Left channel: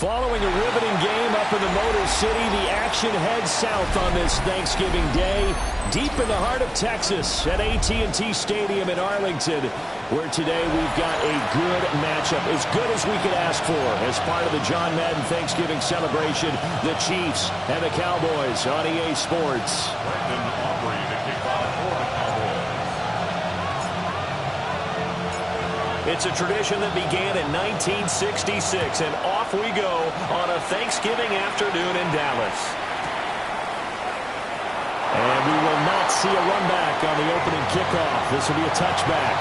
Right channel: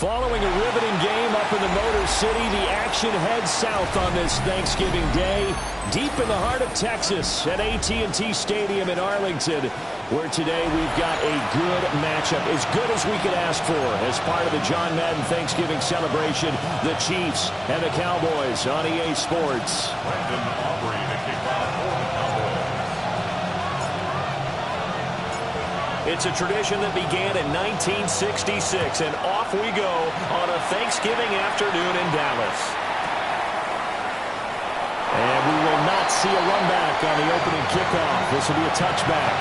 Following a riveting game up in the Motor City, the action heads south on this Thanksgiving Day, deep in the heart of Texas at AT&T Stadium in Arlington, where today we've got a good matchup, as good as we could ask for, as part of the John Madden Thanksgiving celebration, the Chiefs and the Cowboys on EA Sports. Brandon Aubrey to kick off for the Cowboys. It's a tradition that began in 1966, and off we go on a Thanksgiving afternoon in Dallas. And we will not see a run back on the opening kickoff. This will be a touchback.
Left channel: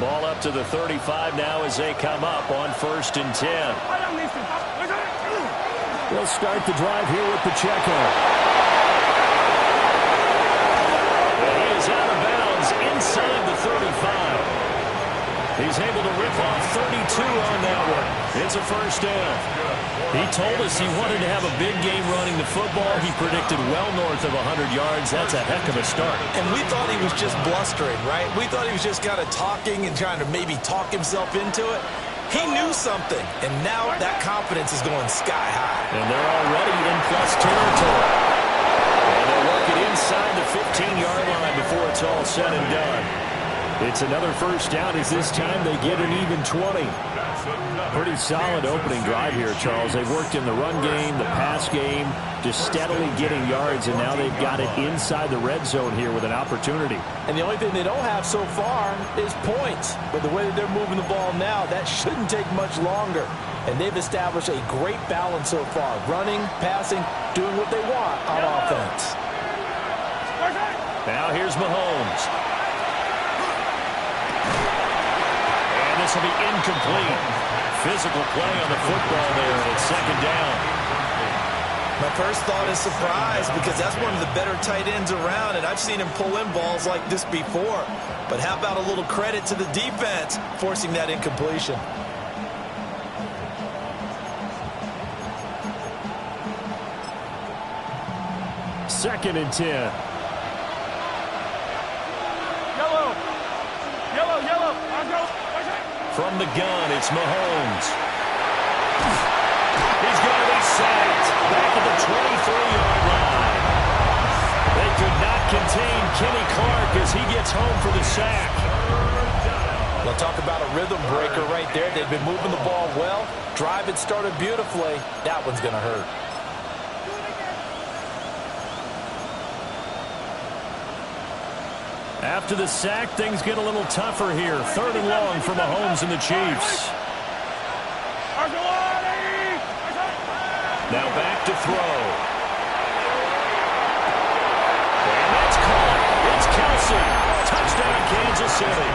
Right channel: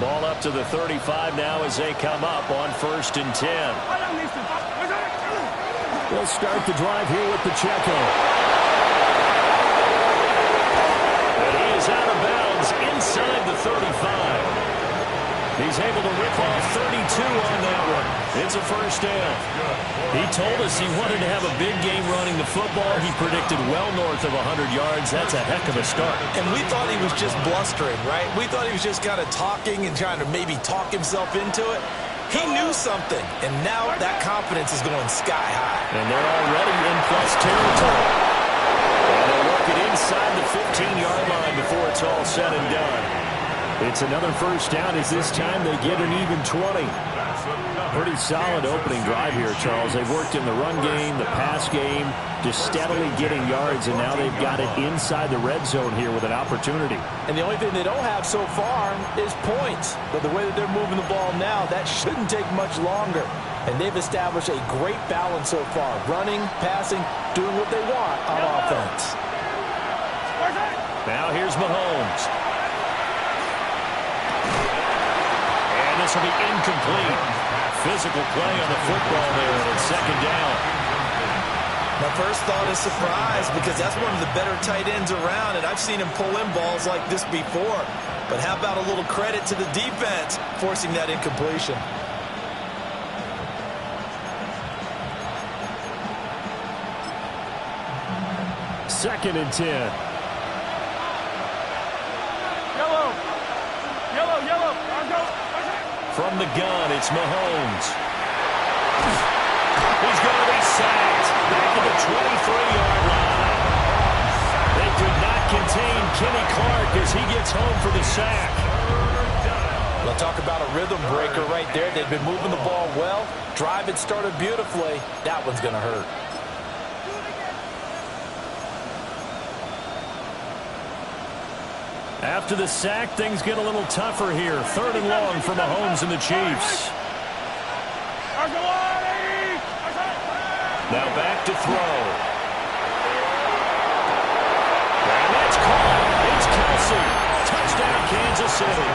Ball up to the 35 now as they come up on 1st and 10. They'll start the drive here with Pacheco. And he is out of bounds inside the 35. He's able to rip off 32 on that one. It's a first down. He told us he wanted to have a big game running the football. He predicted well north of 100 yards. That's a heck of a start. And we thought he was just blustering, right? We thought he was just kind of talking and trying to maybe talk himself into it. He knew something, and now that confidence is going sky high. And they're already in plus territory. And they'll work it inside the 15-yard line before it's all said and done. It's another first down as this time they get an even 20. Pretty solid opening drive here, Charles. They've worked in the run game, the pass game, just steadily getting yards, and now they've got it inside the red zone here with an opportunity. And the only thing they don't have so far is points. But the way that they're moving the ball now, that shouldn't take much longer. And they've established a great balance so far. Running, passing, doing what they want on offense. Now here's Mahomes. And this will be incomplete. Physical play on the football there, and it's second down. My first thought is surprise, because that's one of the better tight ends around, and I've seen him pull in balls like this before. But how about a little credit to the defense forcing that incompletion? Second and 10. Yellow. Yellow, yellow. Let's go. From the gun, it's Mahomes. He's going to be sacked back at the 23-yard line. They could not contain Kenny Clark as he gets home for the sack. We'll talk about a rhythm breaker right there. They've been moving the ball well. Drive had started beautifully. That one's going to hurt. After the sack, things get a little tougher here. Third and long for Mahomes and the Chiefs. Now back to throw. And that's caught. It's Kelce. Touchdown, Kansas City.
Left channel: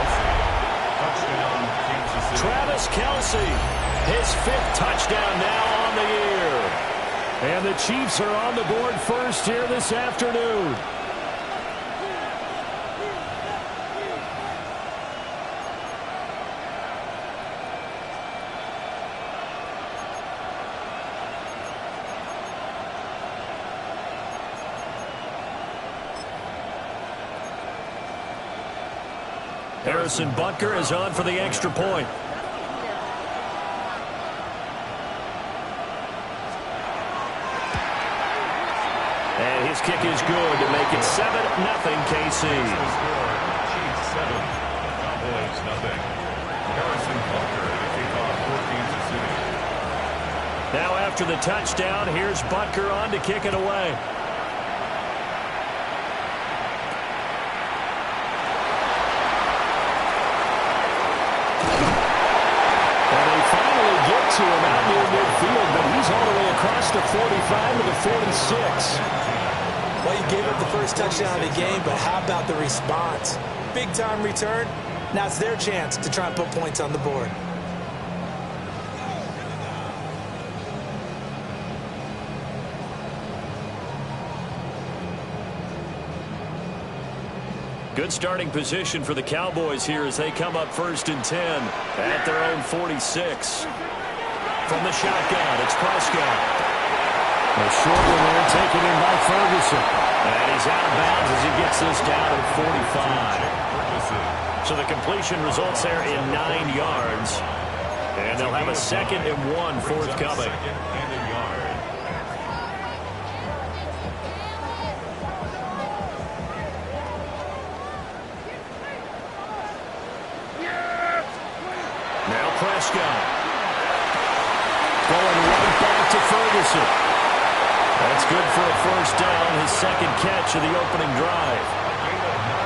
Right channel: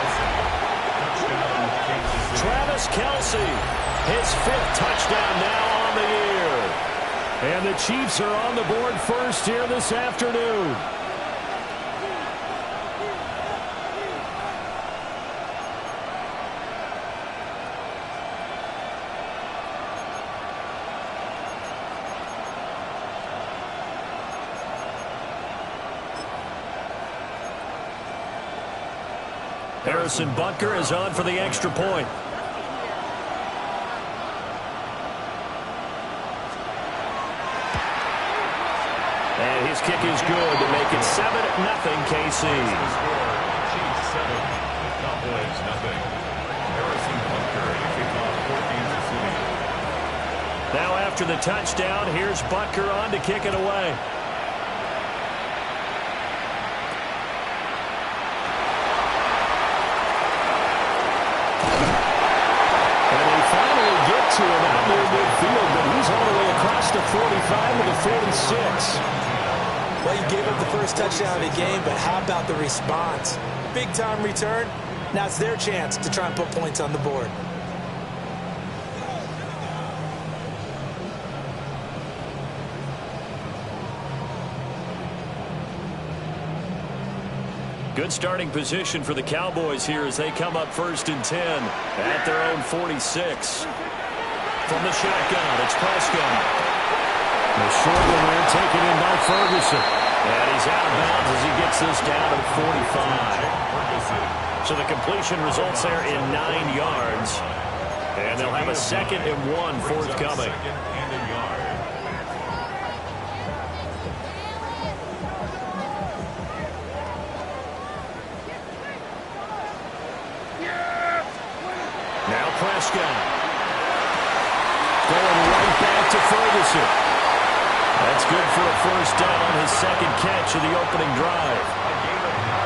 Travis Kelce, his 5th touchdown now on the year. And the Chiefs are on the board first here this afternoon. Harrison Butker is on for the extra point. And his kick is good to make it 7-0 KC. Chiefs 7, Cowboys 0. Harrison Butker to kick off for Kansas City. Now after the touchdown, here's Butker on to kick it away. get to him out near midfield, but he's all the way across the 45 to the 46. Well, you gave up the first touchdown of the game, but how about the response? Big-time return. Now it's their chance to try and put points on the board. Good starting position for the Cowboys here as they come up 1st and 10 at their own 46. From the shotgun, it's Prescott. The short one there taken in by Ferguson. And he's out of bounds as he gets this down at 45. So the completion results there in 9 yards. And they'll have a 2nd and 1 forthcoming. Now Prescott. Going right back to Ferguson. That's good for a first down, his 2nd catch of the opening drive.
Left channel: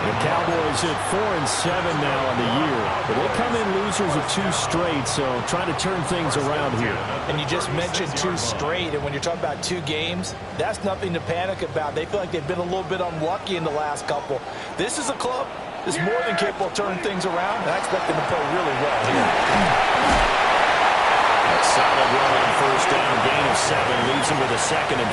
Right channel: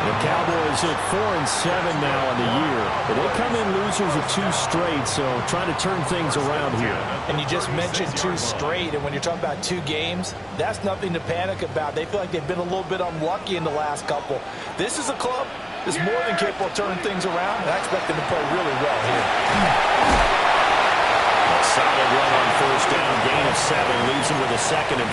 The Cowboys at 4-7 now on the year. They come in losers of 2 straight, so trying to turn things around here. And you just mentioned 2 straight, and when you're talking about 2 games, that's nothing to panic about. They feel like they've been a little bit unlucky in the last couple. This is a club that's more than capable of turning things around, and I expect them to play really well here. A solid run on first down, gain of 7, leaves him with a 2nd and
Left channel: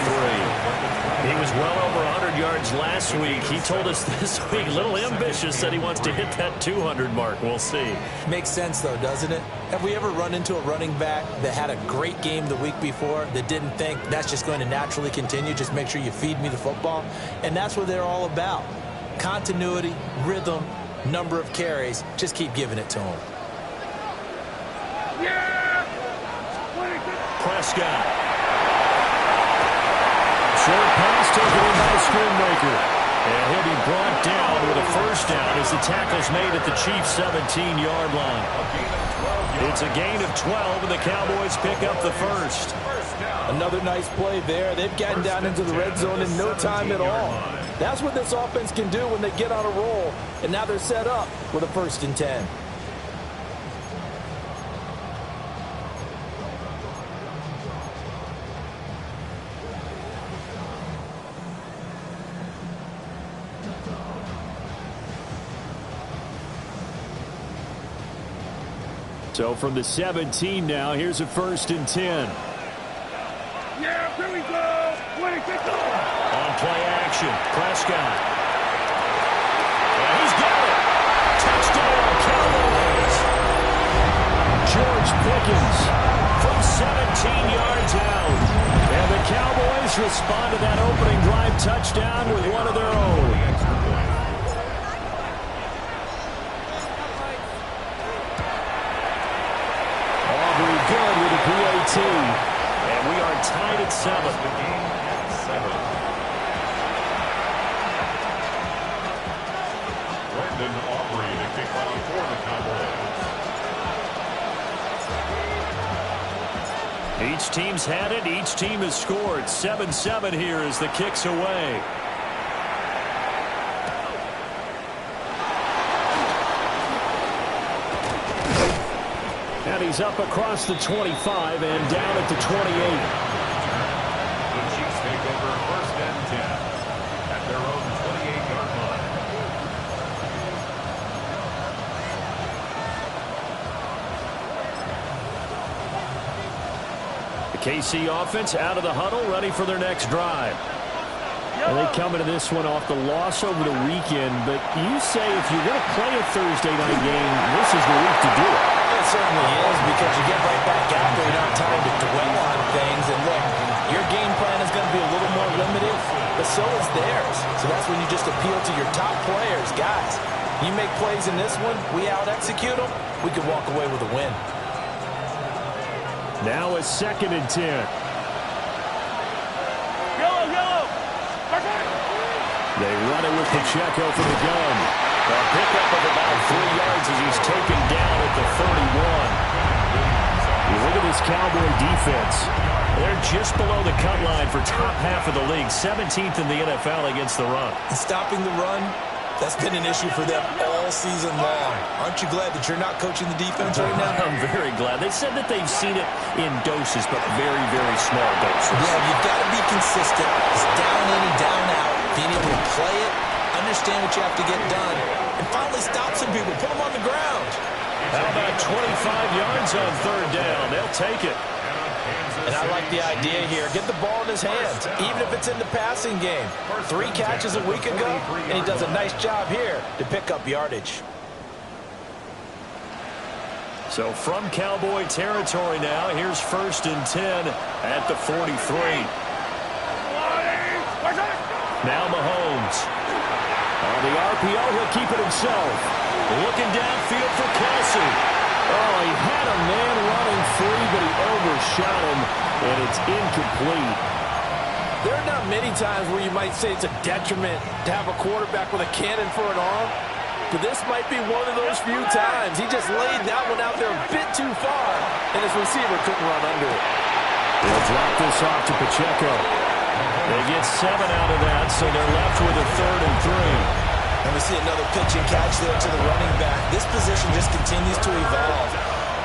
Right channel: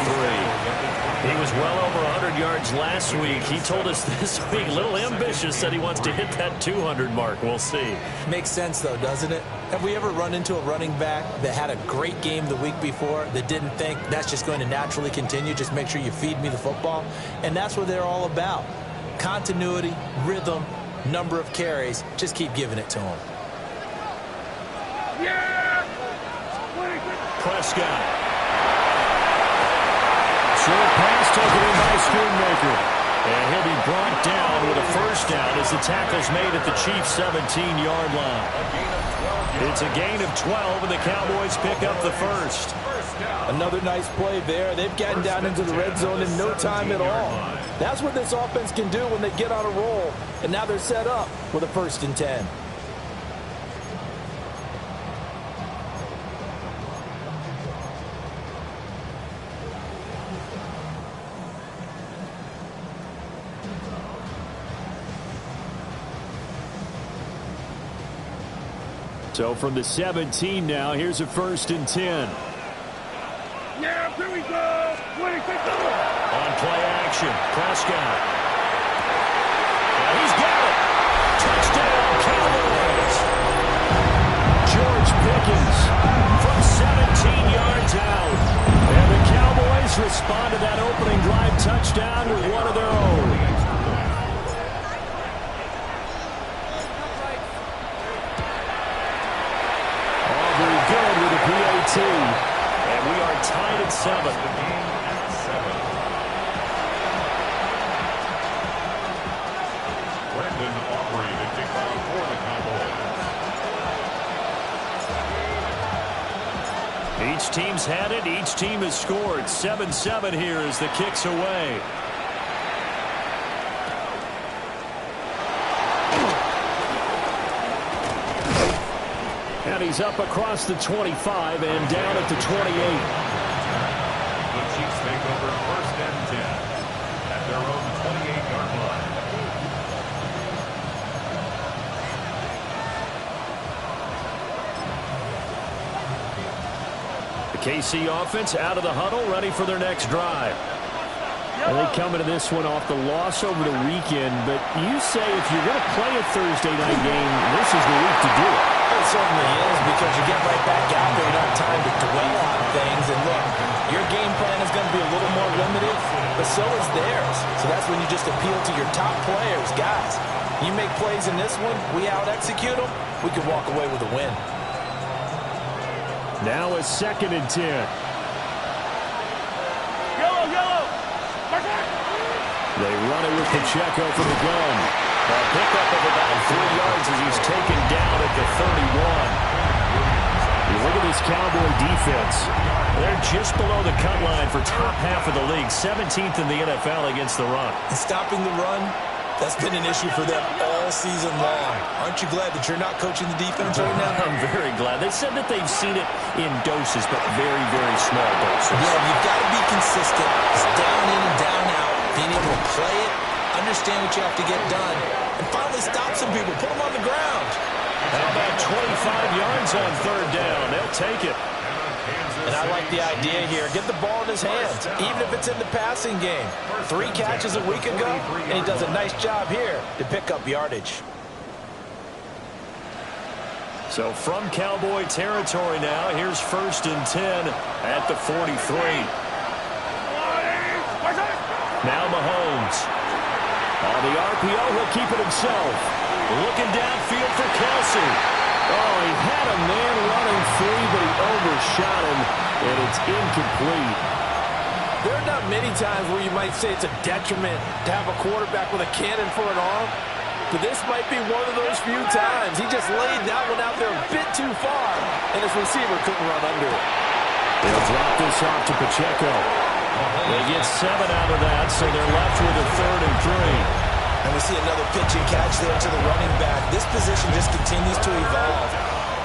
3. He was well over 100 yards last week. He told us this week, a little ambitious, said he wants to hit that 200 mark. We'll see. Makes sense, though, doesn't it? Have we ever run into a running back that had a great game the week before that didn't think that's just going to naturally continue? Just make sure you feed me the football. And that's what they're all about. Continuity, rhythm, number of carries. Just keep giving it to him. Prescott. Short pass taken in by Schoonmaker. And he'll be brought down with a first down as the tackle's made at the Chiefs' 17-yard line. It's a gain of 12, and the Cowboys pick up the first. Another nice play there. They've gotten down into the red zone in no time at all. That's what this offense can do when they get on a roll. And now they're set up with a 1st and 10. So from the 17 now, here's a 1st and 10. Yeah, here we go. On play action, Prescott. And he's got it. Touchdown, Cowboys. George Pickens from 17 yards out. And the Cowboys respond to that opening drive touchdown with one of their own. Aubrey good with a PAT. And we are tied at 7. The game at 7. Brandon Aubrey to kick off for the Cowboys. Each team's had it. Each team has scored. 7-7 here as the kick's away. And he's up across the 25 and down at the 28. The Chiefs take over 1st and 10 at their own 28-yard line. The KC offense out of the huddle, ready for their next drive. And they come into this one off the loss over the weekend, but you say if you're going to play a Thursday night game, this is the week to do it. It certainly is, because you get right back out there. You don't have time to dwell on things. And look, your game plan is going to be a little more limited, but so is theirs. So that's when you just appeal to your top players. Guys, you make plays in this one, we out-execute them, we can walk away with a win. Now a 2nd and 10. Yellow. They run it with Pacheco from the gun. A pickup of about 3 yards as he's taken down at the 31. You look at this Cowboy defense. They're just below the cut line for top half of the league. 17th in the NFL against the run. And stopping the run That's been an issue for them all season long. Aren't you glad that you're not coaching the defense right now? I'm very glad. They said that they've seen it in doses, but very, very small doses. Yeah, you've got to be consistent. It's down in and down out. Being able to play it, understand what you have to get done, and finally stop some people. Put them on the ground. How about 25 yards on third down? They'll take it. And I like the idea here. Get the ball in his hands, even if it's in the passing game. 3 catches a week ago, and he does a nice job here to pick up yardage. So from Cowboy territory now, here's 1st and 10 at the 43. Now Mahomes. On the RPO, he'll keep it himself. Looking downfield for Kelsey. Oh, he had a man running free, but he overshot him, and it's incomplete. There are not many times where you might say it's a detriment to have a quarterback with a cannon for an arm, but this might be one of those few times. He just laid that one out there a bit too far, and his receiver couldn't run under it. They'll drop this off to Pacheco. They get 7 out of that, so they're left with a 3rd and 3. And we see another pitch and catch there to the running back. This position just continues to evolve.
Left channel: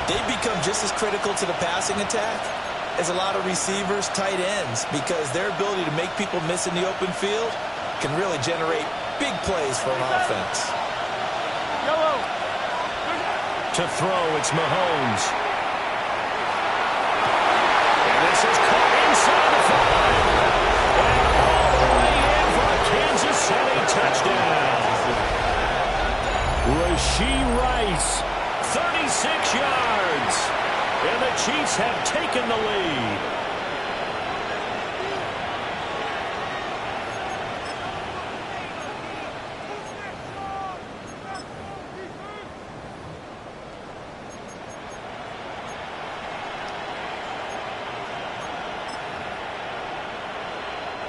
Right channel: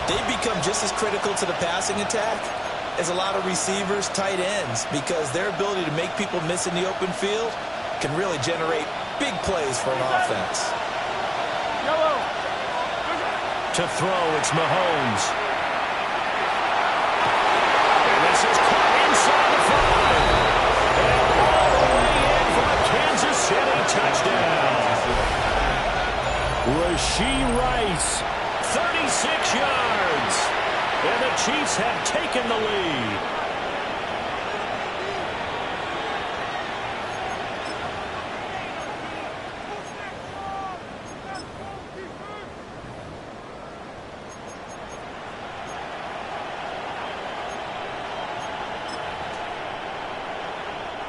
They've become just as critical to the passing attack as a lot of receivers, tight ends, because their ability to make people miss in the open field can really generate big plays for an offense. To throw, it's Mahomes. And this is caught inside the 5. And all the way in for a Kansas City touchdown. Rashee Rice, 36 yards. And the Chiefs have taken the lead.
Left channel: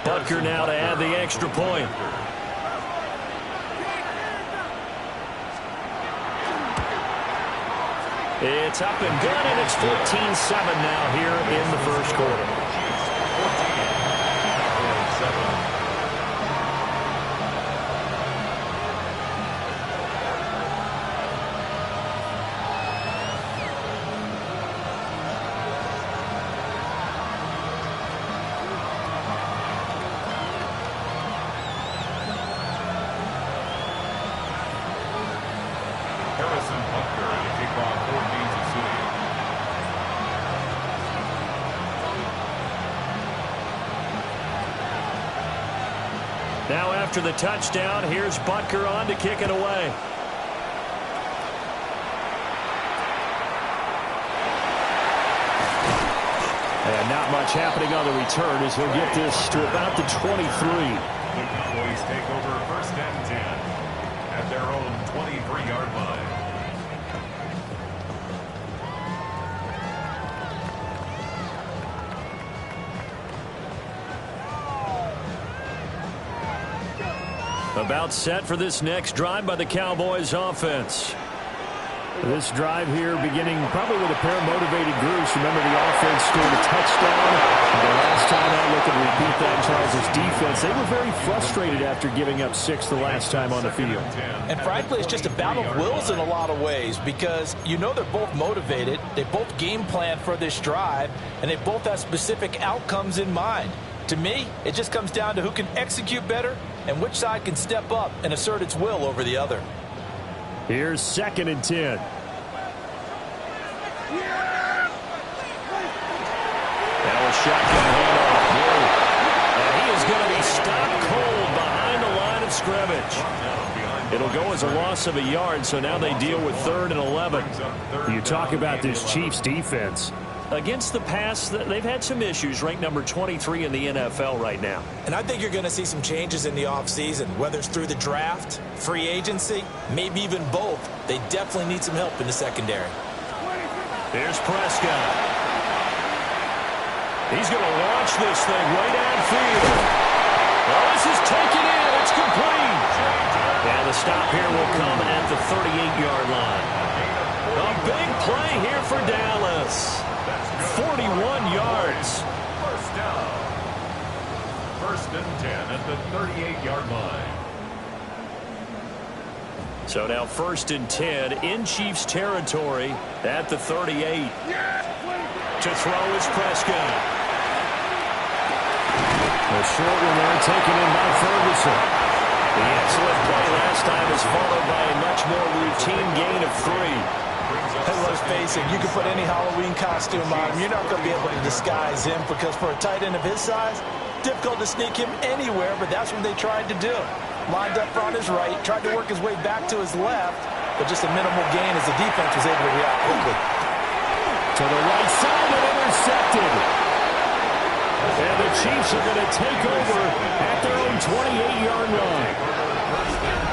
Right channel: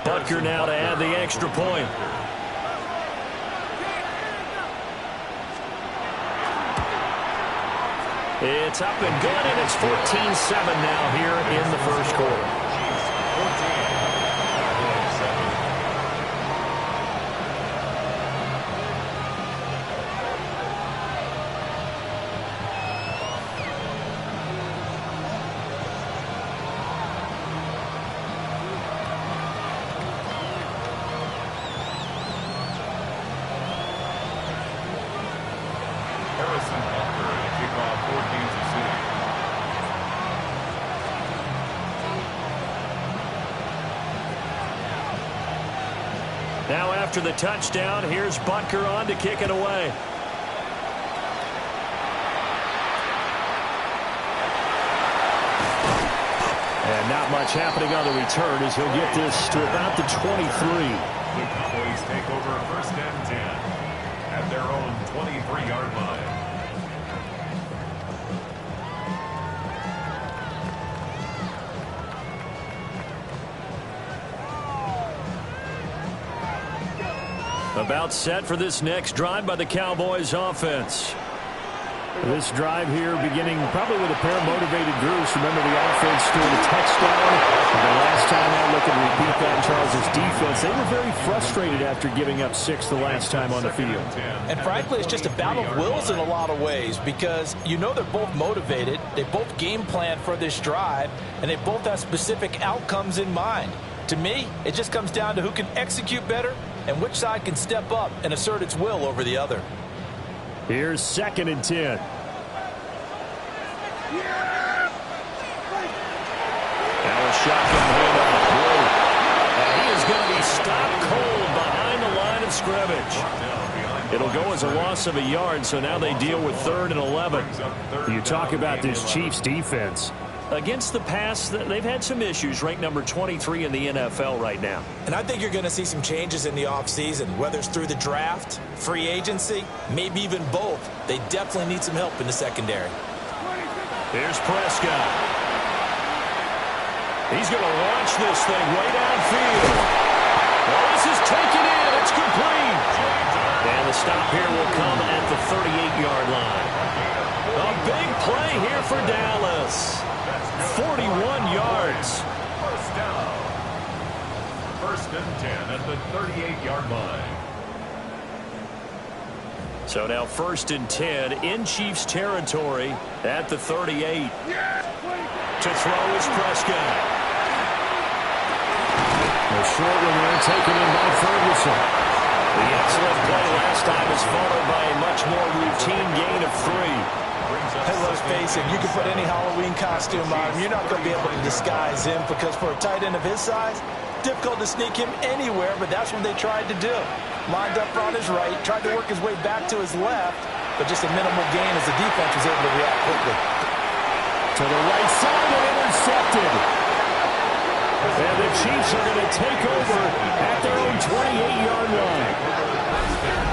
Butker now to add the extra point. It's up and good, and it's 14-7 now here in the first quarter. Chiefs 14, Cowboys 7. Harrison Butker at the kickoff for Kansas City. Now after the touchdown, here's Butker on to kick it away. And not much happening on the return as he'll get this to about the 23. The Cowboys take over 1st and 10 at their own 23-yard line. About set for this next drive by the Cowboys offense. This drive here beginning probably with a pair of motivated groups. Remember, the offense scored a touchdown. The last time I look and repeat that, Charles' defense, they were very frustrated after giving up 6 the last time on the field. And frankly, it's just a battle of wills in a lot of ways because you know they're both motivated. They both game plan for this drive, and they both have specific outcomes in mind. To me, it just comes down to who can execute better and which side can step up and assert its will over the other. Here's 2nd and 10. Now a shotgun handoff. He is going to be stopped cold behind the line of scrimmage. It'll go as a loss of a yard, so now they deal with 3rd and 11. You talk about this Chiefs defense. Against the pass, they've had some issues, ranked number 23 in the NFL right now. And I think you're going to see some changes in the offseason, whether it's through the draft, free agency, maybe even both. They definitely need some help in the secondary. Here's Prescott. He's going to launch this thing way downfield. Well, this is taken in. It's complete. And the stop here will come at the 38-yard line. A big play here for Dallas. 41 yards. First down. 1st and 10 at the 38-yard line. So now 1st and 10 in Chiefs territory at the 38. To throw is Prescott. A short one there taken in by Ferguson. The excellent play last time is followed by a much more routine gain of 3. Hey, let's face it, you can put any Halloween costume on him. You're not going to be able to disguise him because for a tight end of his size, difficult to sneak him anywhere, but that's what they tried to do. Lined up on his right, tried to work his way back to his left, but just a minimal gain as the defense was able to react quickly. To the right side and intercepted. And the Chiefs are going to take over at their own 28-yard line.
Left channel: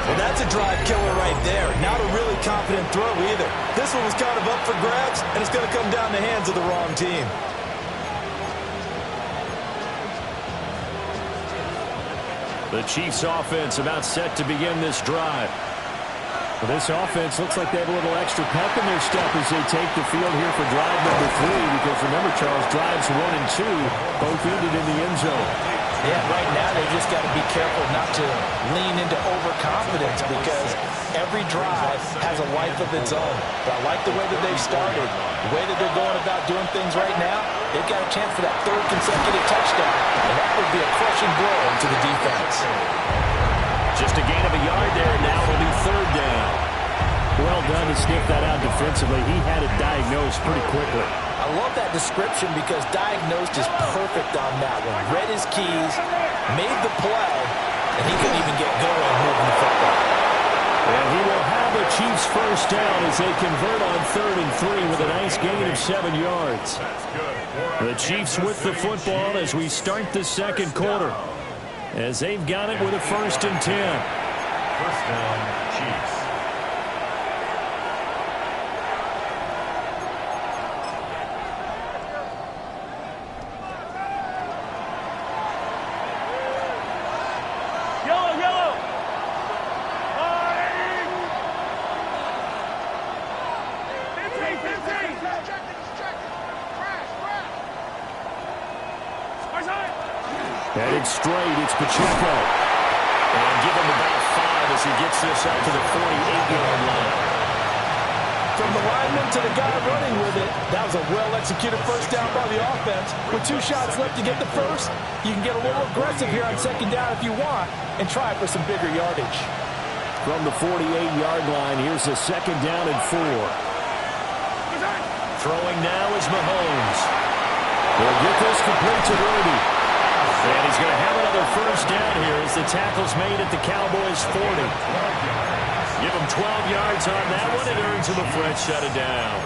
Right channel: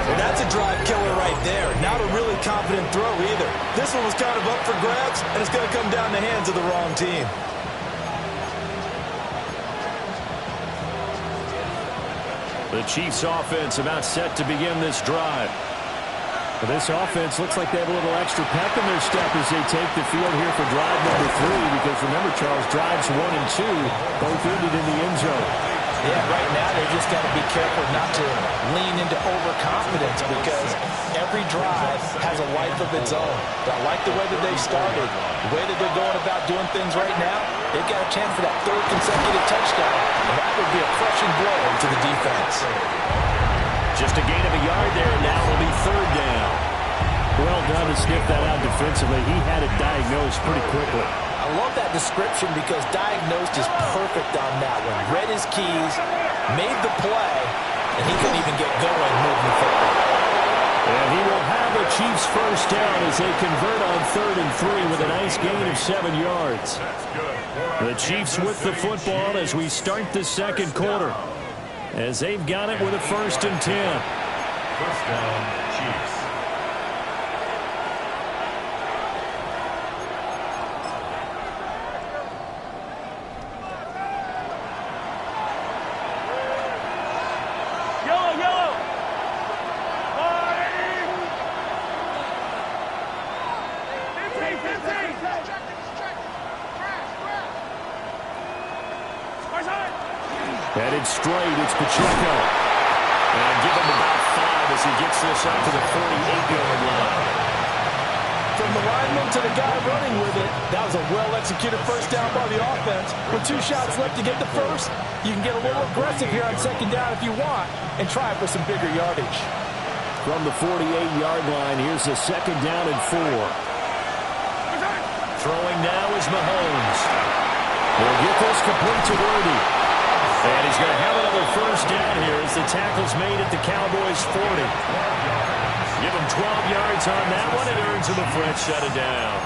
Well, that's a drive killer right there. Not a really confident throw either. This one was kind of up for grabs, and it's going to come down the hands of the wrong team. The Chiefs offense about set to begin this drive. Well, this offense looks like they have a little extra pep in their step as they take the field here for drive number 3, because remember, Charles, drives 1 and 2 both ended in the end zone. Yeah, right now they just got to be careful not to lean into overconfidence because every drive has a life of its own. But I like the way that they've started, the way that they're going about doing things right now. They've got a chance for that 3rd consecutive touchdown, and that would be a crushing blow to the defense. Just a gain of a yard there, and now it'll be 3rd down. Well done to sniff that out defensively. He had it diagnosed pretty quickly. I love that description because diagnosed is perfect on that one. Read his keys, made the play, and he couldn't even get going moving the football. And he will have a Chiefs 1st down as they convert on 3rd and 3 with a nice gain of 7 yards. The Chiefs with the football as we start the 2nd quarter, as they've got it with a 1st and 10. 1st down, Chiefs. Yellow. Headed straight, it's Pacheco. And give him about 5 as he gets this out to the 48-yard line. From the lineman to the guy running with it, that was a well-executed 1st down by the offense. With 2 shots left to get the 1st, you can get a little aggressive here on 2nd down if you want and try for some bigger yardage. From the 48-yard line, here's a 2nd down and 4. Throwing now is Mahomes. He'll get this complete to Worthy. And he's going to have another 1st down here as the tackle's made at the Cowboys' 40. Give him 12 yards on that one. It earns him a fresh set of downs.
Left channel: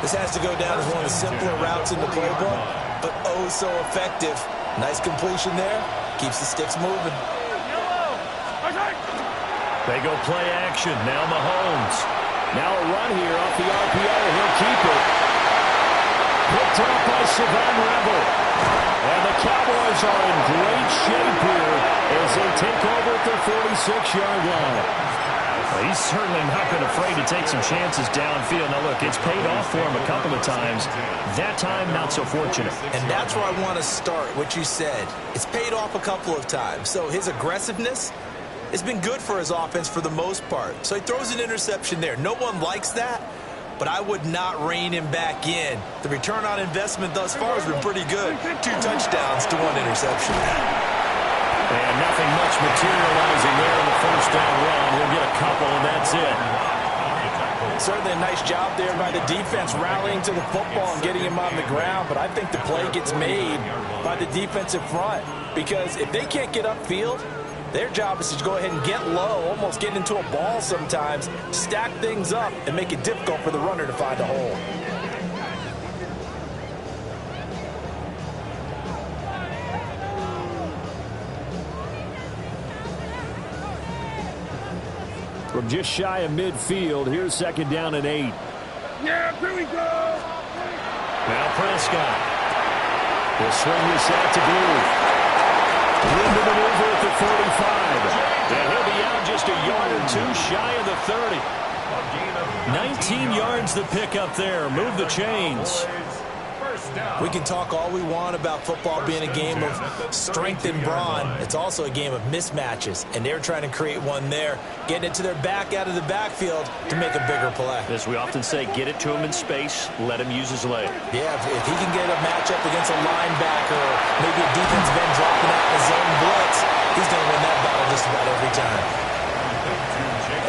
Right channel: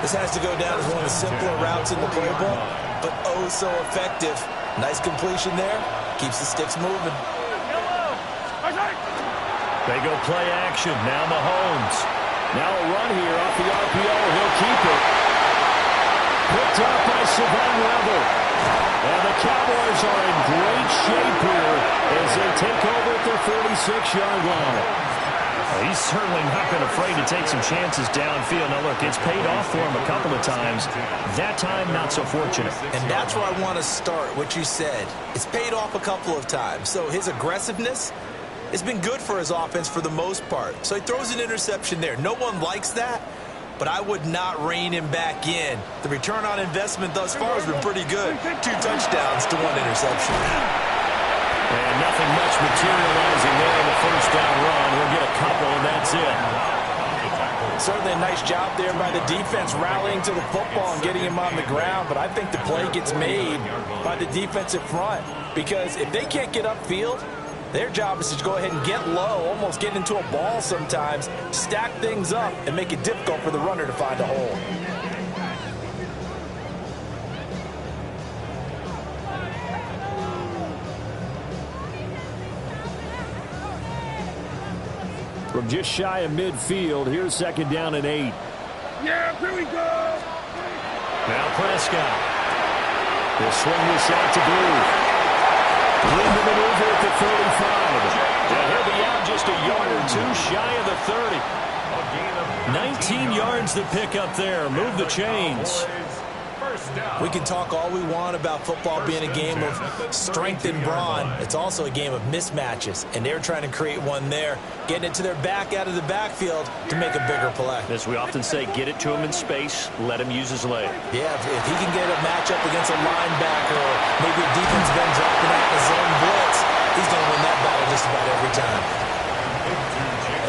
This has to go down as one of the simpler routes in the playbook, but oh so effective. Nice completion there. Keeps the sticks moving. They go play action. Now Mahomes. Now a run here off the RPO. He'll keep it. Picked up by Savon Revel. And the Cowboys are in great shape here as they take over at their 46-yard line. Well, he's certainly not been afraid to take some chances downfield. Now, look, it's paid off for him a couple of times. That time, not so fortunate. And that's where I want to start, what you said. It's paid off a couple of times. So his aggressiveness has been good for his offense for the most part. So he throws an interception there. No one likes that, but I would not rein him back in. The return on investment thus far has been pretty good. 2 touchdowns to 1 interception. And nothing much materializing there in the 1st down run. He'll get a couple, and that's it. Certainly a nice job there by the defense rallying to the football and getting him on the ground, but I think the play gets made by the defensive front because if they can't get upfield, their job is to go ahead and get low, almost get into a ball sometimes, stack things up, and make it difficult for the runner to find a hole. From just shy of midfield, here's 2nd down and 8. Yeah, here we go. Now Prescott. He'll swing this out to Blue. Room to maneuver at the 35. And he'll be out just a yard or 2 shy of the 30. 19 yards to pick up there. Move the chains. first down. We can talk all we want about football being a game of strength and brawn. It's also a game of mismatches, and they're trying to create one there, getting it to their back out of the backfield to make a bigger play. As we often say, get it to him in space, let him use his leg. Yeah, if he can get a matchup against a linebacker or maybe a defensive end dropping out in a zone blitz, he's going to win that battle just about every time.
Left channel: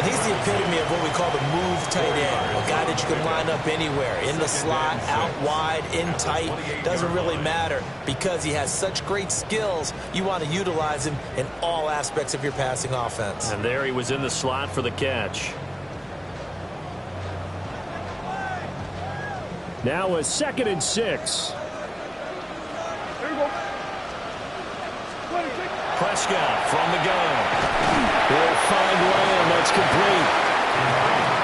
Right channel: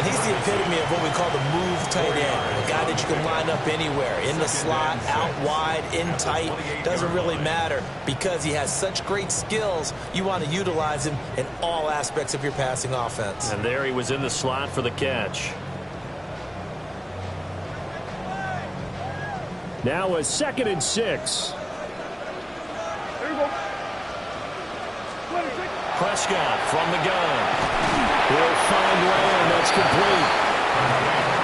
And he's the epitome of what we call the move tight end, a guy that you can line up anywhere, in the slot, out wide, in tight, doesn't really matter because he has such great skills. You want to utilize him in all aspects of your passing offense. And there he was in the slot for the catch. Now a 2nd and 6. There you go. Prescott from the gun. He'll find Lamb. That's complete.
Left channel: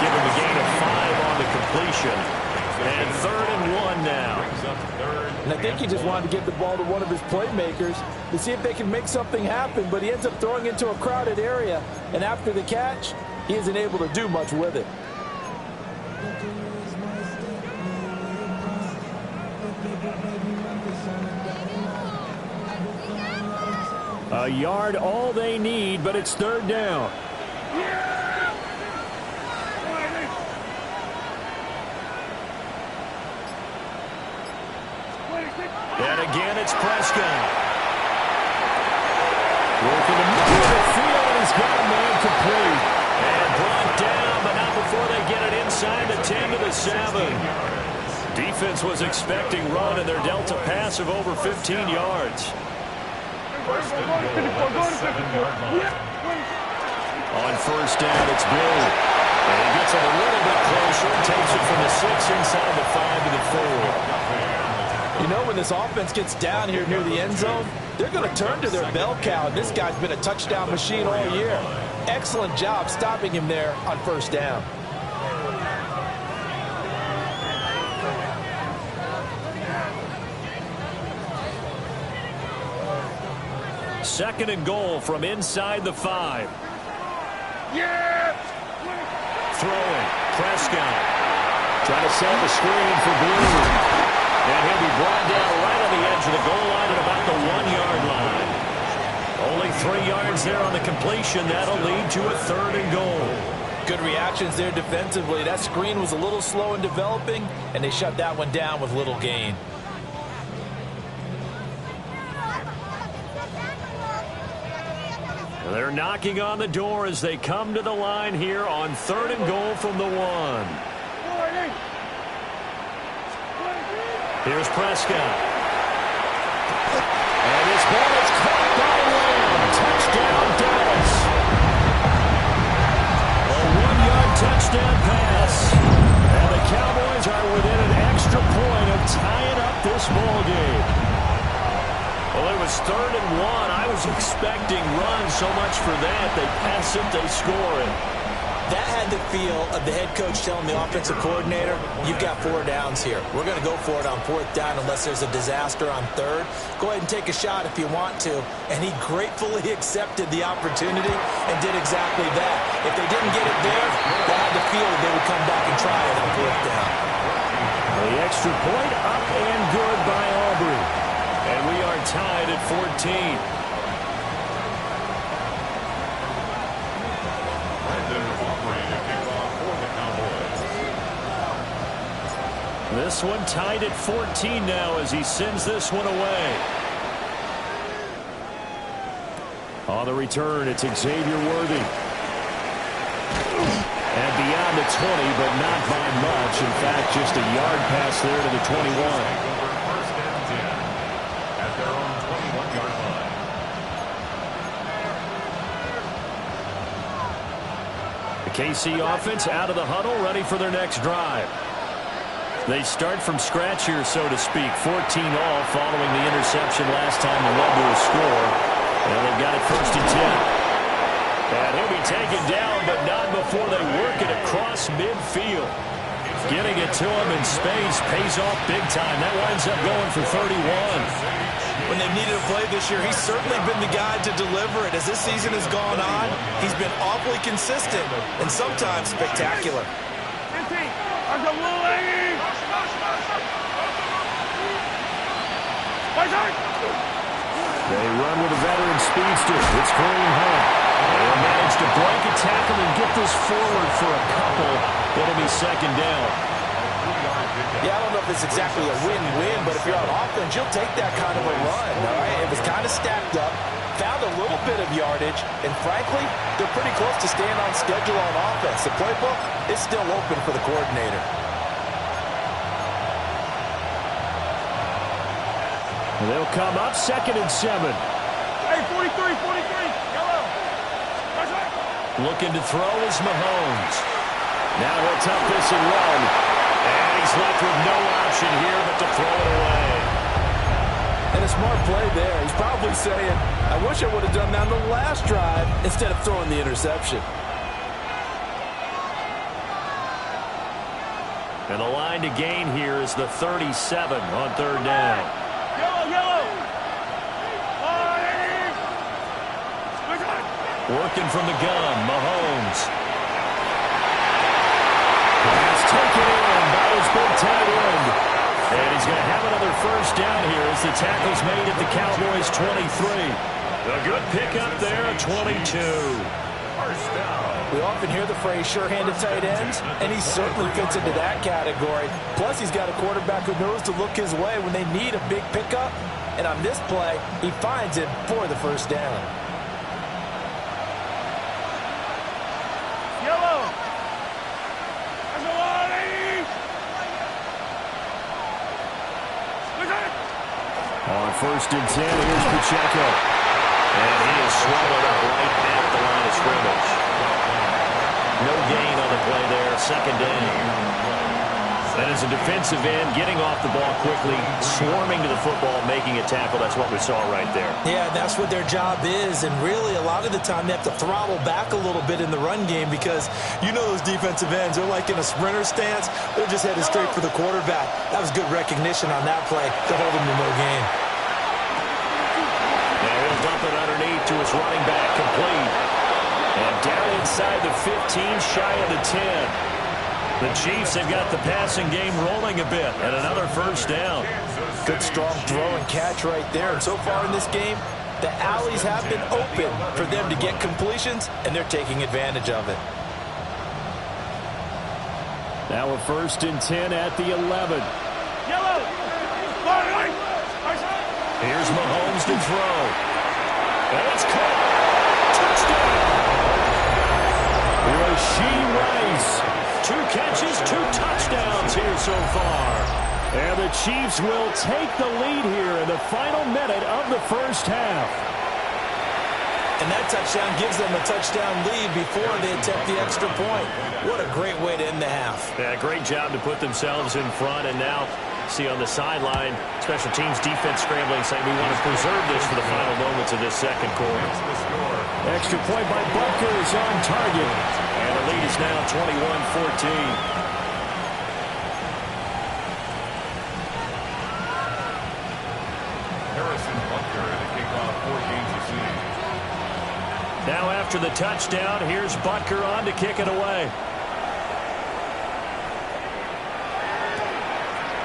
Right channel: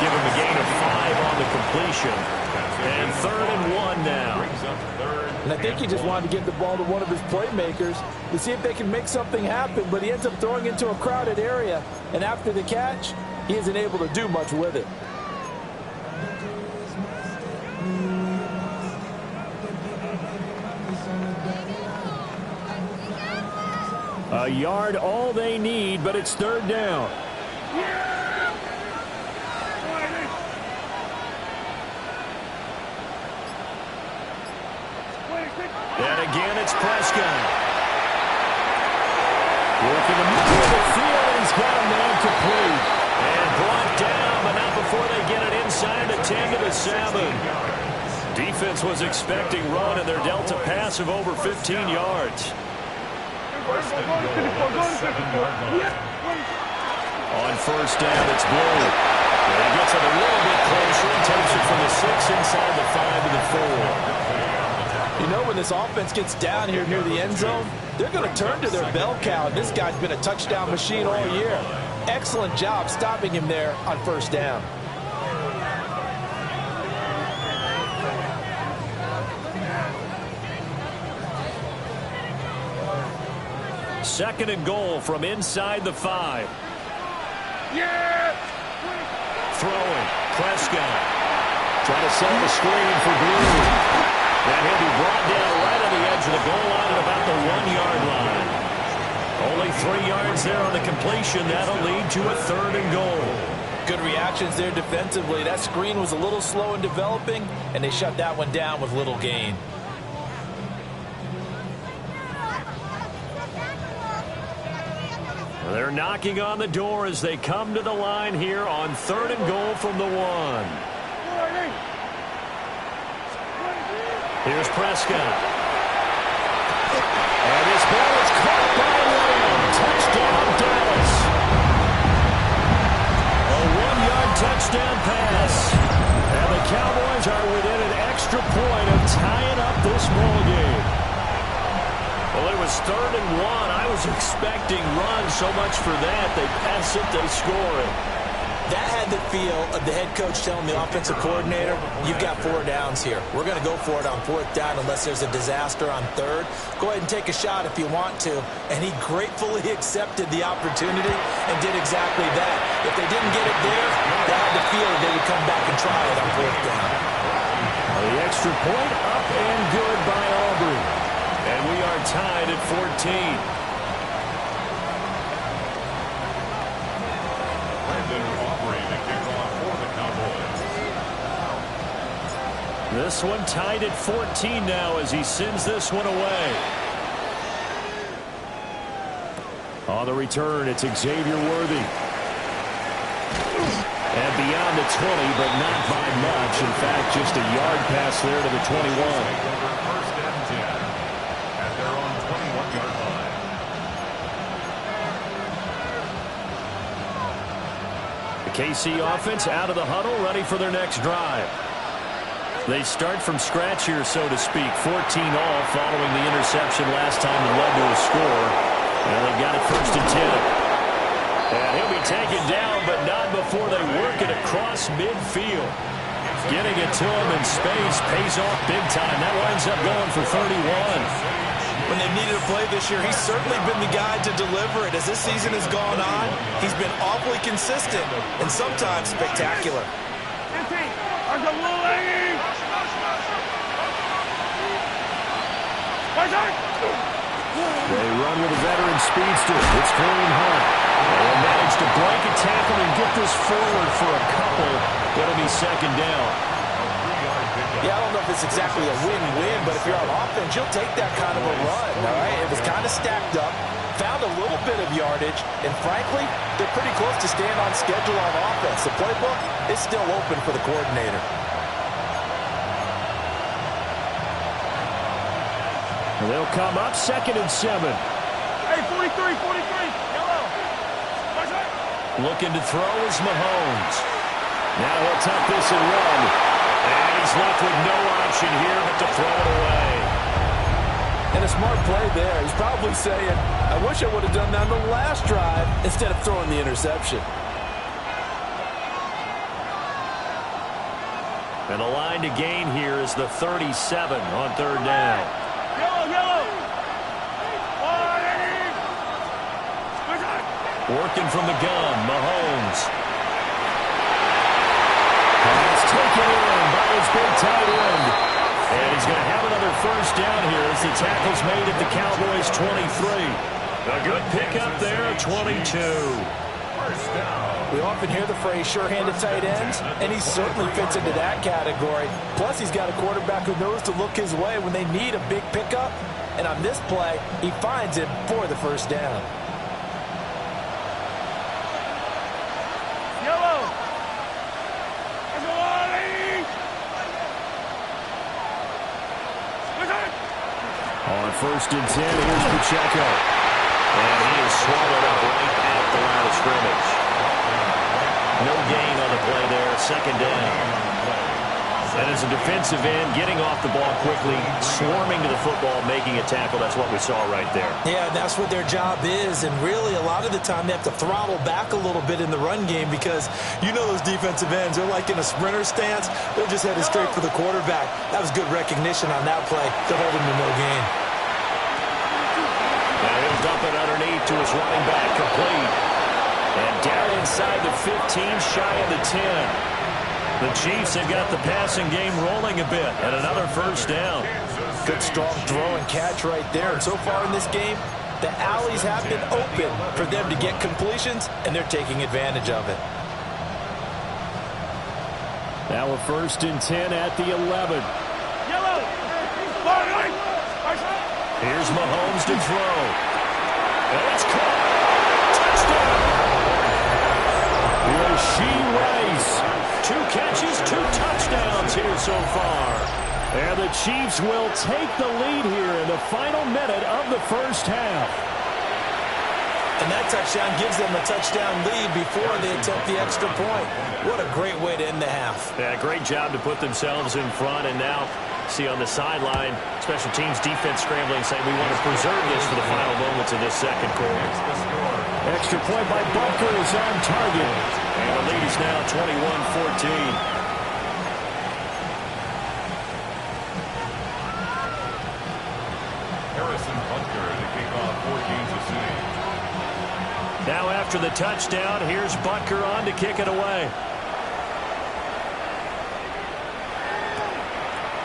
Give him a gain of 5 on the completion. And 3rd and 1 now. And I think he just wanted to get the ball to one of his playmakers to see if they can make something happen, but he ends up throwing into a crowded area, and after the catch, he isn't able to do much with it. A yard all they need, but it's 3rd down. And again, it's Prescott. Working the middle of the field, and he's got a man complete. And brought down, but not before they get it inside the 10 to the 7. Defense was expecting run, and they're dealt a pass of over 15 yards. First and goal on the 7-yard line. On 1st down, it's Blue. And he gets it a little bit closer and takes it from the 6 inside the 5 to the 4. You know, when this offense gets down here near the end zone, they're going to turn to their bell cow. This guy's been a touchdown machine all year. Excellent job stopping him there on 1st down. Second and goal from inside the 5. Yeah! Throwing. Prescott. Trying to set up a screen for Blue. And he'll be brought down right on the edge of the goal line at about the 1-yard line. Only 3 yards there on the completion. That'll lead to a 3rd and goal. Good reactions there defensively. That screen was a little slow in developing, and they shut that one down with little gain. They're knocking on the door as they come to the line here on 3rd and goal from the 1. Here's Prescott. And his ball is caught by Lamb. Touchdown, Dallas. A 1-yard touchdown pass. And the Cowboys are within an extra point of tying up this ball game. Well, it was 3rd and 1. I was expecting runs, so much for that. They pass it, they score it. That had the feel of the head coach telling the offensive coordinator, you've got 4 downs here. We're going to go for it on 4th down unless there's a disaster on 3rd. Go ahead and take a shot if you want to. And he gratefully accepted the opportunity and did exactly that. If they didn't get it there, they had the feel that they would come back and try it on 4th down. The extra point up and good by Aubrey. And we are tied at 14. Brandon Aubrey to kick off for the Cowboys. This one tied at 14 now as he sends this one away. On the return, it's Xavier Worthy. And beyond the 20, but not by much. In fact, just a yard pass there to the 21. First and 10 at their own 21-yard line. The KC offense out of the huddle, ready for their next drive. They start from scratch here, so to speak. 14-all following the interception last time that led to a score. And they've got it 1st and 10. And he'll be taken down, but not before they work it across midfield. Getting it to him in space pays off big time. That winds up going for 31. When they've needed a play this year, he's certainly been the guy to deliver it. As this season has gone on, he's been awfully consistent and sometimes spectacular. They run with a veteran speedster. It's Kareem Hunt. They'll manage to break a tackle and get this forward for a couple. It'll be second down. Yeah, I don't know if it's exactly a win-win, but if you're on offense, you'll take that kind of a run, all right? It was kind of stacked up, found a little bit of yardage, and frankly, they're pretty close to staying on schedule on offense. The playbook is still open for the coordinator. They'll come up 2nd and 7. Hey, 43, yellow. Looking to throw is Mahomes. Now he'll tuck this and run. And he's left with no option here but to throw it away. And a smart play there. He's probably saying, I wish I would have done that on the last drive instead of throwing the interception. And the line to gain here is the 37 on 3rd down. Yellow. Working from the gun, Mahomes. Pass taken in by his big tight end. And he's going to have another first down here as the tackle's made at the Cowboys' 23. A good pickup there, 22. First down. We often hear the phrase sure-handed tight ends, and he certainly fits into that category. Plus, he's got a quarterback who knows to look his way when they need a big pickup. And on this play, he finds it for the first down. Yellow. On 1st and 10, here's Pacheco. And he is swallowed up right at the line of scrimmage. No gain on the play there, 2nd down. And as a defensive end, getting off the ball quickly, swarming to the football, making a tackle, that's what we saw right there. Yeah, that's what their job is, and really a lot of the time they have to throttle back a little bit in the run game because you know those defensive ends, they're like in a sprinter stance, they're just headed straight for the quarterback. That was good recognition on that play to hold him to no gain. Now he'll dump it underneath to his running back, complete. And down inside the 15, shy of the 10. The Chiefs have got the passing game rolling a bit, and another first down. Good strong throw and catch right there. And so far in this game, the alleys have been open for them to get completions, and they're taking advantage of it. Now a 1st and 10 at the 11. Yellow. Here's Mahomes to throw. And it's caught. Touchdown. Rashee Rice. 2 catches, 2 touchdowns here so far. And the Chiefs will take the lead here in the final minute of the first half. And that touchdown gives them a touchdown lead before they attempt the extra point. What a great way to end the half. Yeah, great job to put themselves in front. And now, see on the sideline, special teams defense scrambling, saying we want to preserve this for the final moments of this second quarter. Extra point by Butker is on target. And the lead is now 21-14. Harrison Butker to kick off for Kansas City. Now after the touchdown, here's Butker on to kick it away.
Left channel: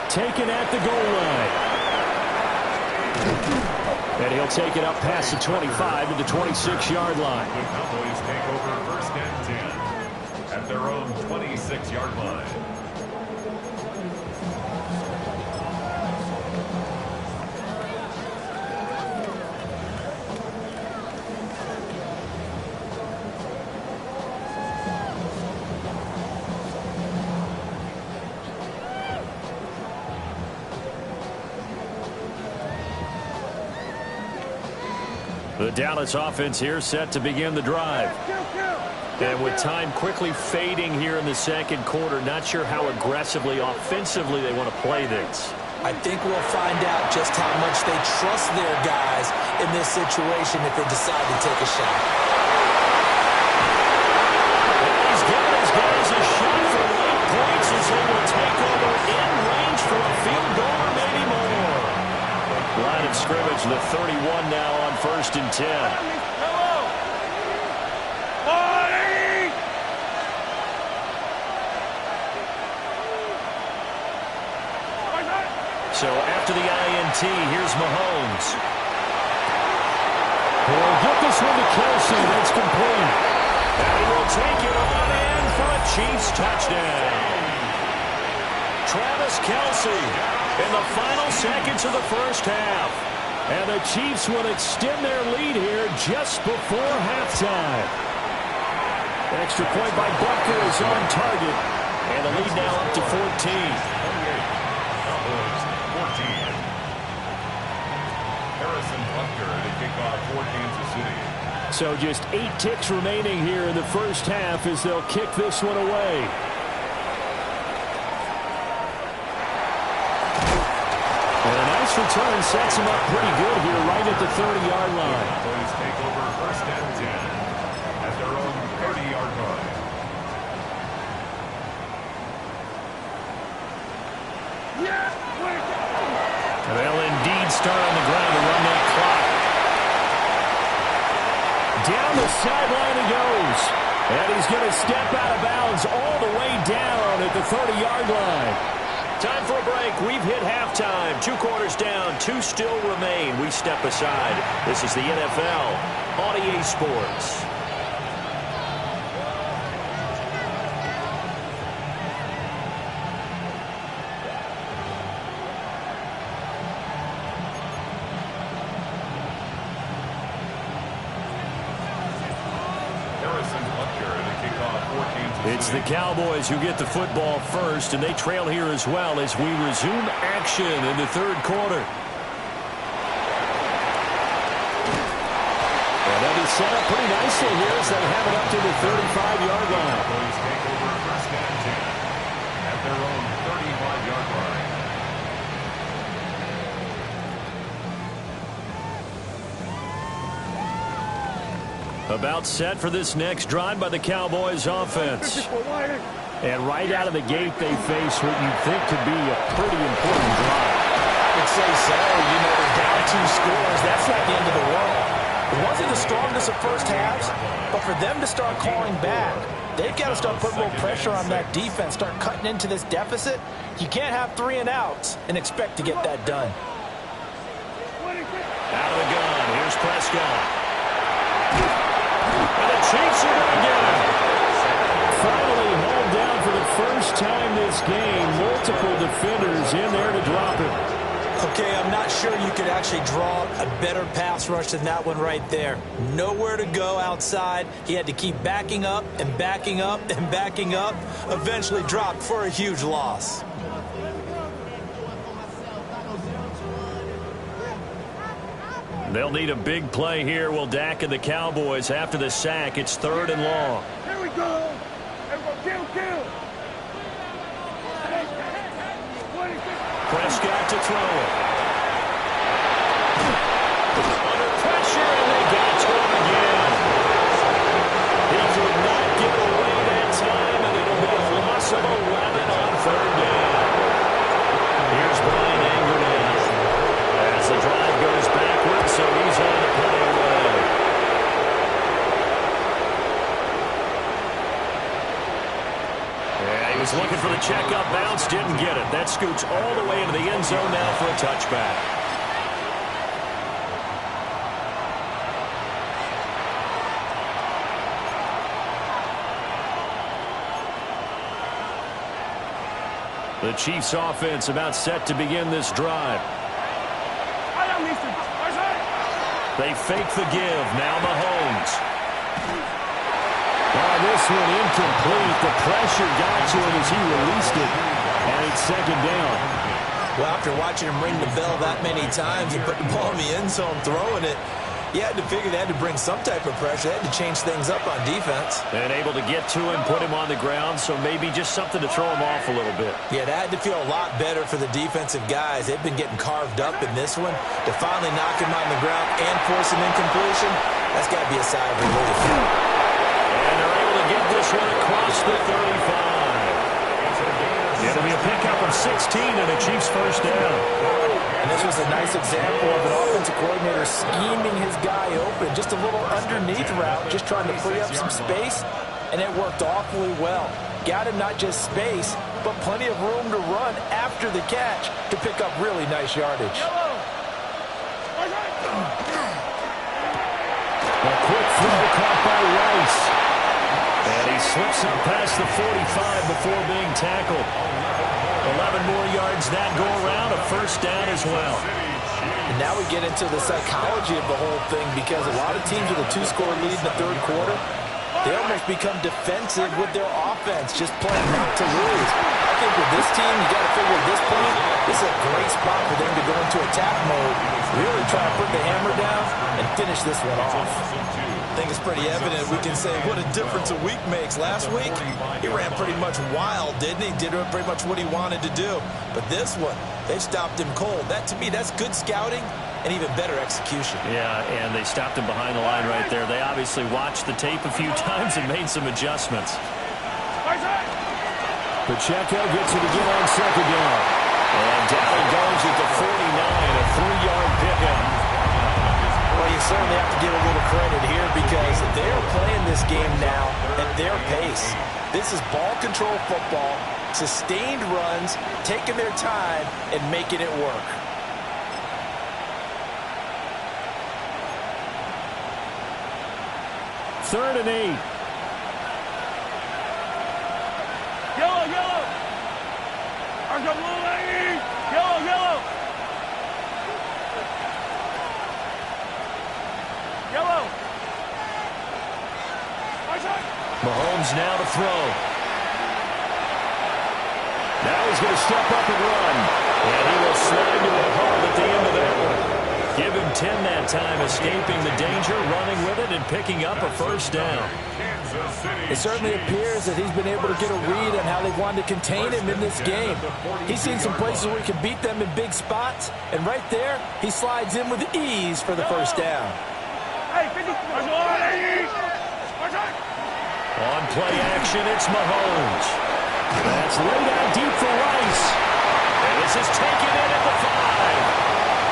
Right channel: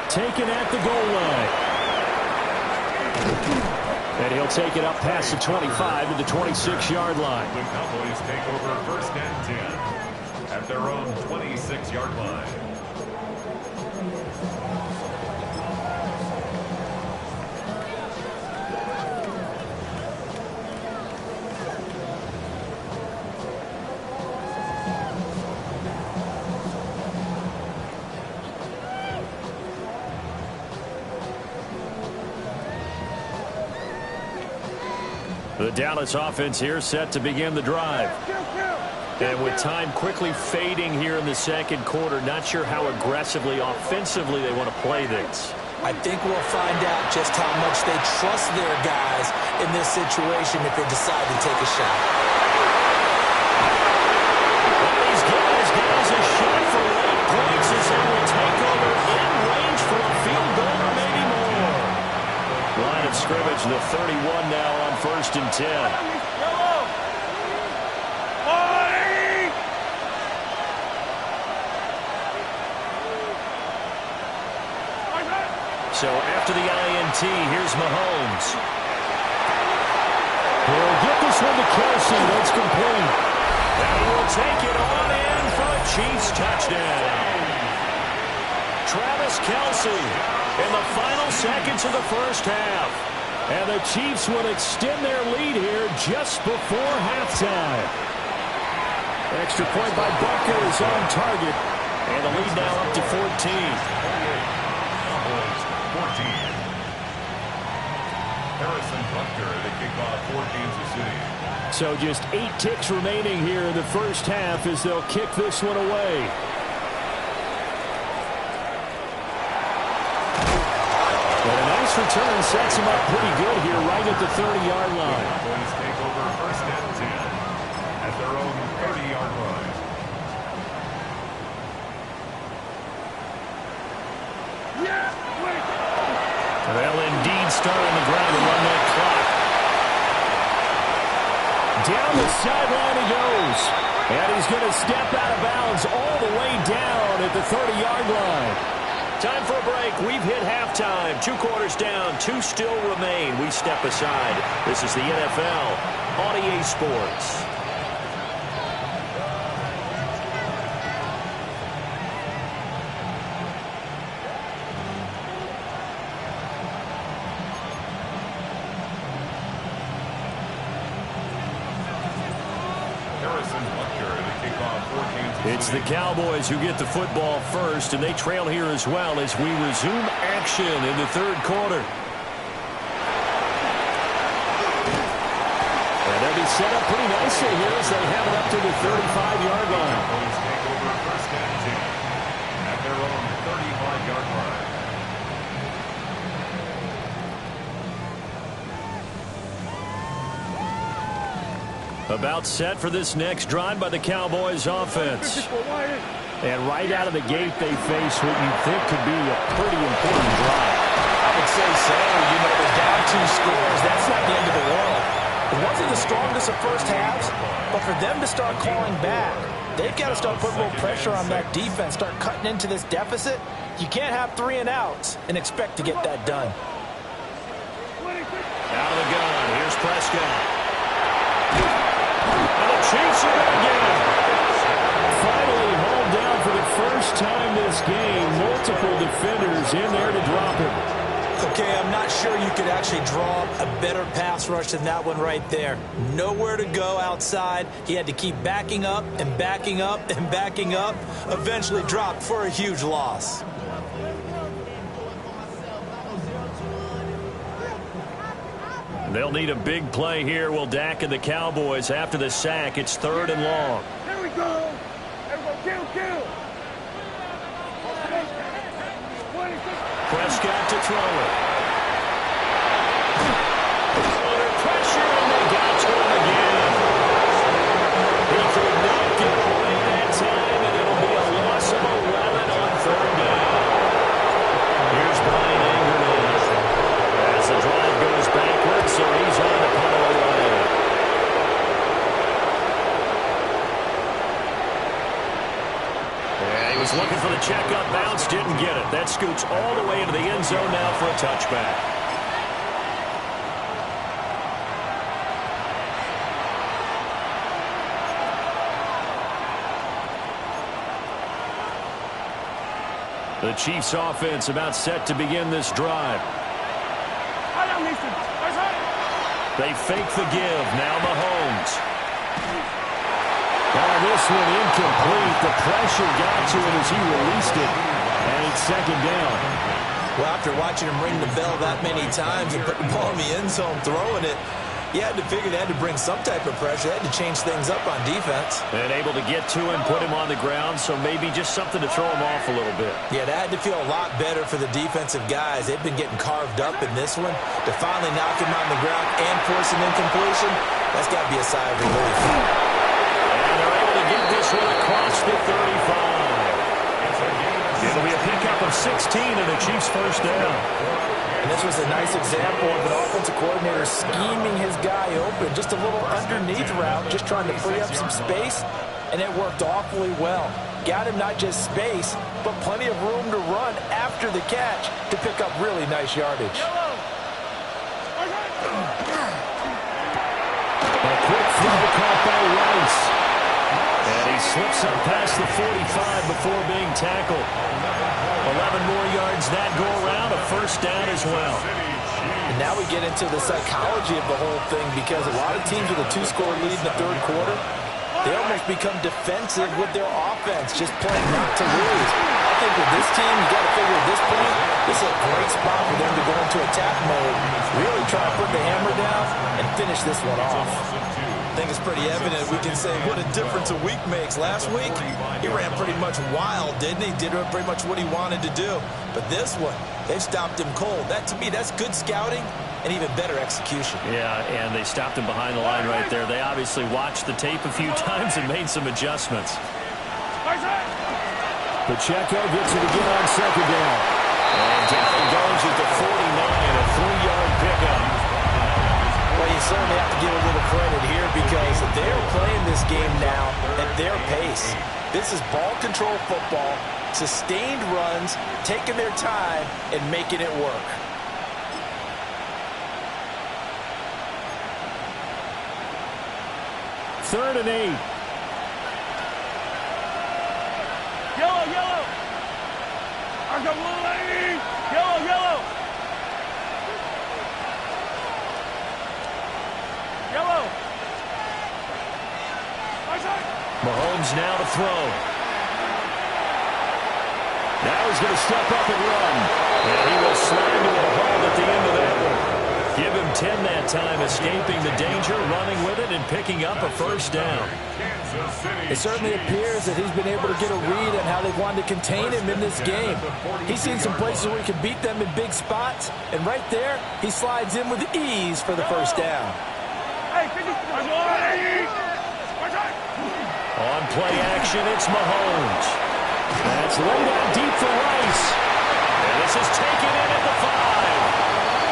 Taken at the goal line. And he'll take it up past the 25 to the 26-yard line. The Cowboys take over 1st and 10 at their own 26-yard line. The Dallas offense here set to begin the drive. And with time quickly fading here in the second quarter, not sure how aggressively, offensively they want to play this. I think we'll find out just how much they trust their guys in this situation if they decide to take a shot. And he's given his guys a shot for late points as they will take over in range for a field goal or maybe more. Line of scrimmage, the 31 now on 1st and 10. So after the INT, here's Mahomes. He'll get this one to Kelce. That's complete. And he will take it on in for a Chiefs touchdown. Travis Kelce in the final seconds of the first half. And the Chiefs will extend their lead here just before halftime. Extra point by Butker is on target. And the lead now up to 14. 28. Cowboys 14. Harrison Butker to kick off for Kansas City. So just 8 ticks remaining here in the first half as they'll kick this one away. And a nice return sets him up pretty good here right at the 30-yard line. Cowboys take over first and 10 at their own 30-yard line. They'll indeed start on the ground and run that clock. Down the sideline he goes. And he's going to step out of bounds all the way down at the 30-yard line. Time for a break. We've hit halftime. 2 quarters down. 2 still remain. We step aside. This is the NFL on EA Sports. It's the Cowboys who get the football first, and they trail here as well as we resume action in the third quarter. And they'll be set up pretty nicely here as they have it up to the 35-yard line. Cowboys take over first and 10 at their own 35-yard line. About set for this next drive by the Cowboys offense. And right out of the gate, they face what you think could be a pretty important drive. I would say so. You know, they're down 2 scores. That's not the end of the world. It wasn't the strongest of first halves, but for them to start calling back, they've got to start putting a little pressure on that defense, start cutting into this deficit. You can't have 3 and outs and expect to get that done. Out of the gun, here's Prescott. And the Chiefs are going to get him. Finally hauled down for the first time this game. Multiple defenders in there to drop him. Okay, I'm not sure you could actually draw a better pass rush than that one right there. Nowhere to go outside. He had to keep backing up and backing up and backing up. Eventually dropped for a huge loss. They'll need a big play here. Will Dak and the Cowboys after the sack. It's 3rd and long. Here we go. Everyone, kill. Prescott to throw it. Under pressure, and they got to him again. He could not get away that time, and it'll be a loss of 11 on 3rd down. Here's Brian Anger now. As the drive goes backwards, so he's on to punt it away. Yeah, he was looking for the checkup bounce, didn't get it. That scoots all the way into the end zone now for a touchback. The Chiefs offense about set to begin this drive. They fake the give. Now Mahomes. Oh, this one incomplete. The pressure got to him as he released it. And it's 2nd down. Well, after watching him ring the bell that many times and put the ball in the end zone throwing it, you had to figure they had to bring some type of pressure. They had to change things up on defense. And able to get to him, put him on the ground, so maybe just something to throw him off a little bit. Yeah, that had to feel a lot better for the defensive guys. They've been getting carved up in this one. To finally knock him on the ground and force an incompletion, that's got to be a sigh of relief. And they're able to get this one across the 35. It'll be a pickup of 16 and a Chiefs first down. And this was a nice example of an offensive coordinator scheming his guy open. Just a little underneath route, just trying to free up some space, and it worked awfully well. Got him not just space, but plenty of room to run after the catch to pick up really nice yardage. A quick throw caught by Rice. And he slips up past the 45 before being tackled. 11 more yards that go around, a first down as well. And now we get into the psychology of the whole thing, because a lot of teams with a 2-score lead in the third quarter, they almost become defensive with their offense, just playing not to lose. I think with this team, you got to figure at this point, this is a great spot for them to go into attack mode, really try to put the hammer down and finish this one off. I think it's pretty evident. We can say what a difference a week makes. Last week, he ran pretty much wild, didn't he? Did pretty much what he wanted to do. But this one, they've stopped him cold. That, to me, that's good scouting and even better execution. Yeah, and they stopped him behind the line right there. They obviously watched the tape a few times and made some adjustments. Pacheco gets it again on second down. And down he goes at the 49, a 3-yard pickup. Well, you certainly have to give a little credit here, because they're playing this game now at their pace. This is ball control football, sustained runs, taking their time and making it work. Third and 8. Yellow, yellow. Arca blue lane. Yellow, yellow. Yellow. Mahomes now to throw. Now he's going to step up and run. And he will slide to a halt at the end of that one. Give him 10 that time, escaping the danger, running with it, and picking up a first down. It certainly appears that he's been able to get a read on how they've wanted to contain him in this game. He's seen some places where he can beat them in big spots, and right there, he slides in with ease for the first down. On play action, it's Mahomes. That's laid out deep for Rice. And this is taken in at the 5.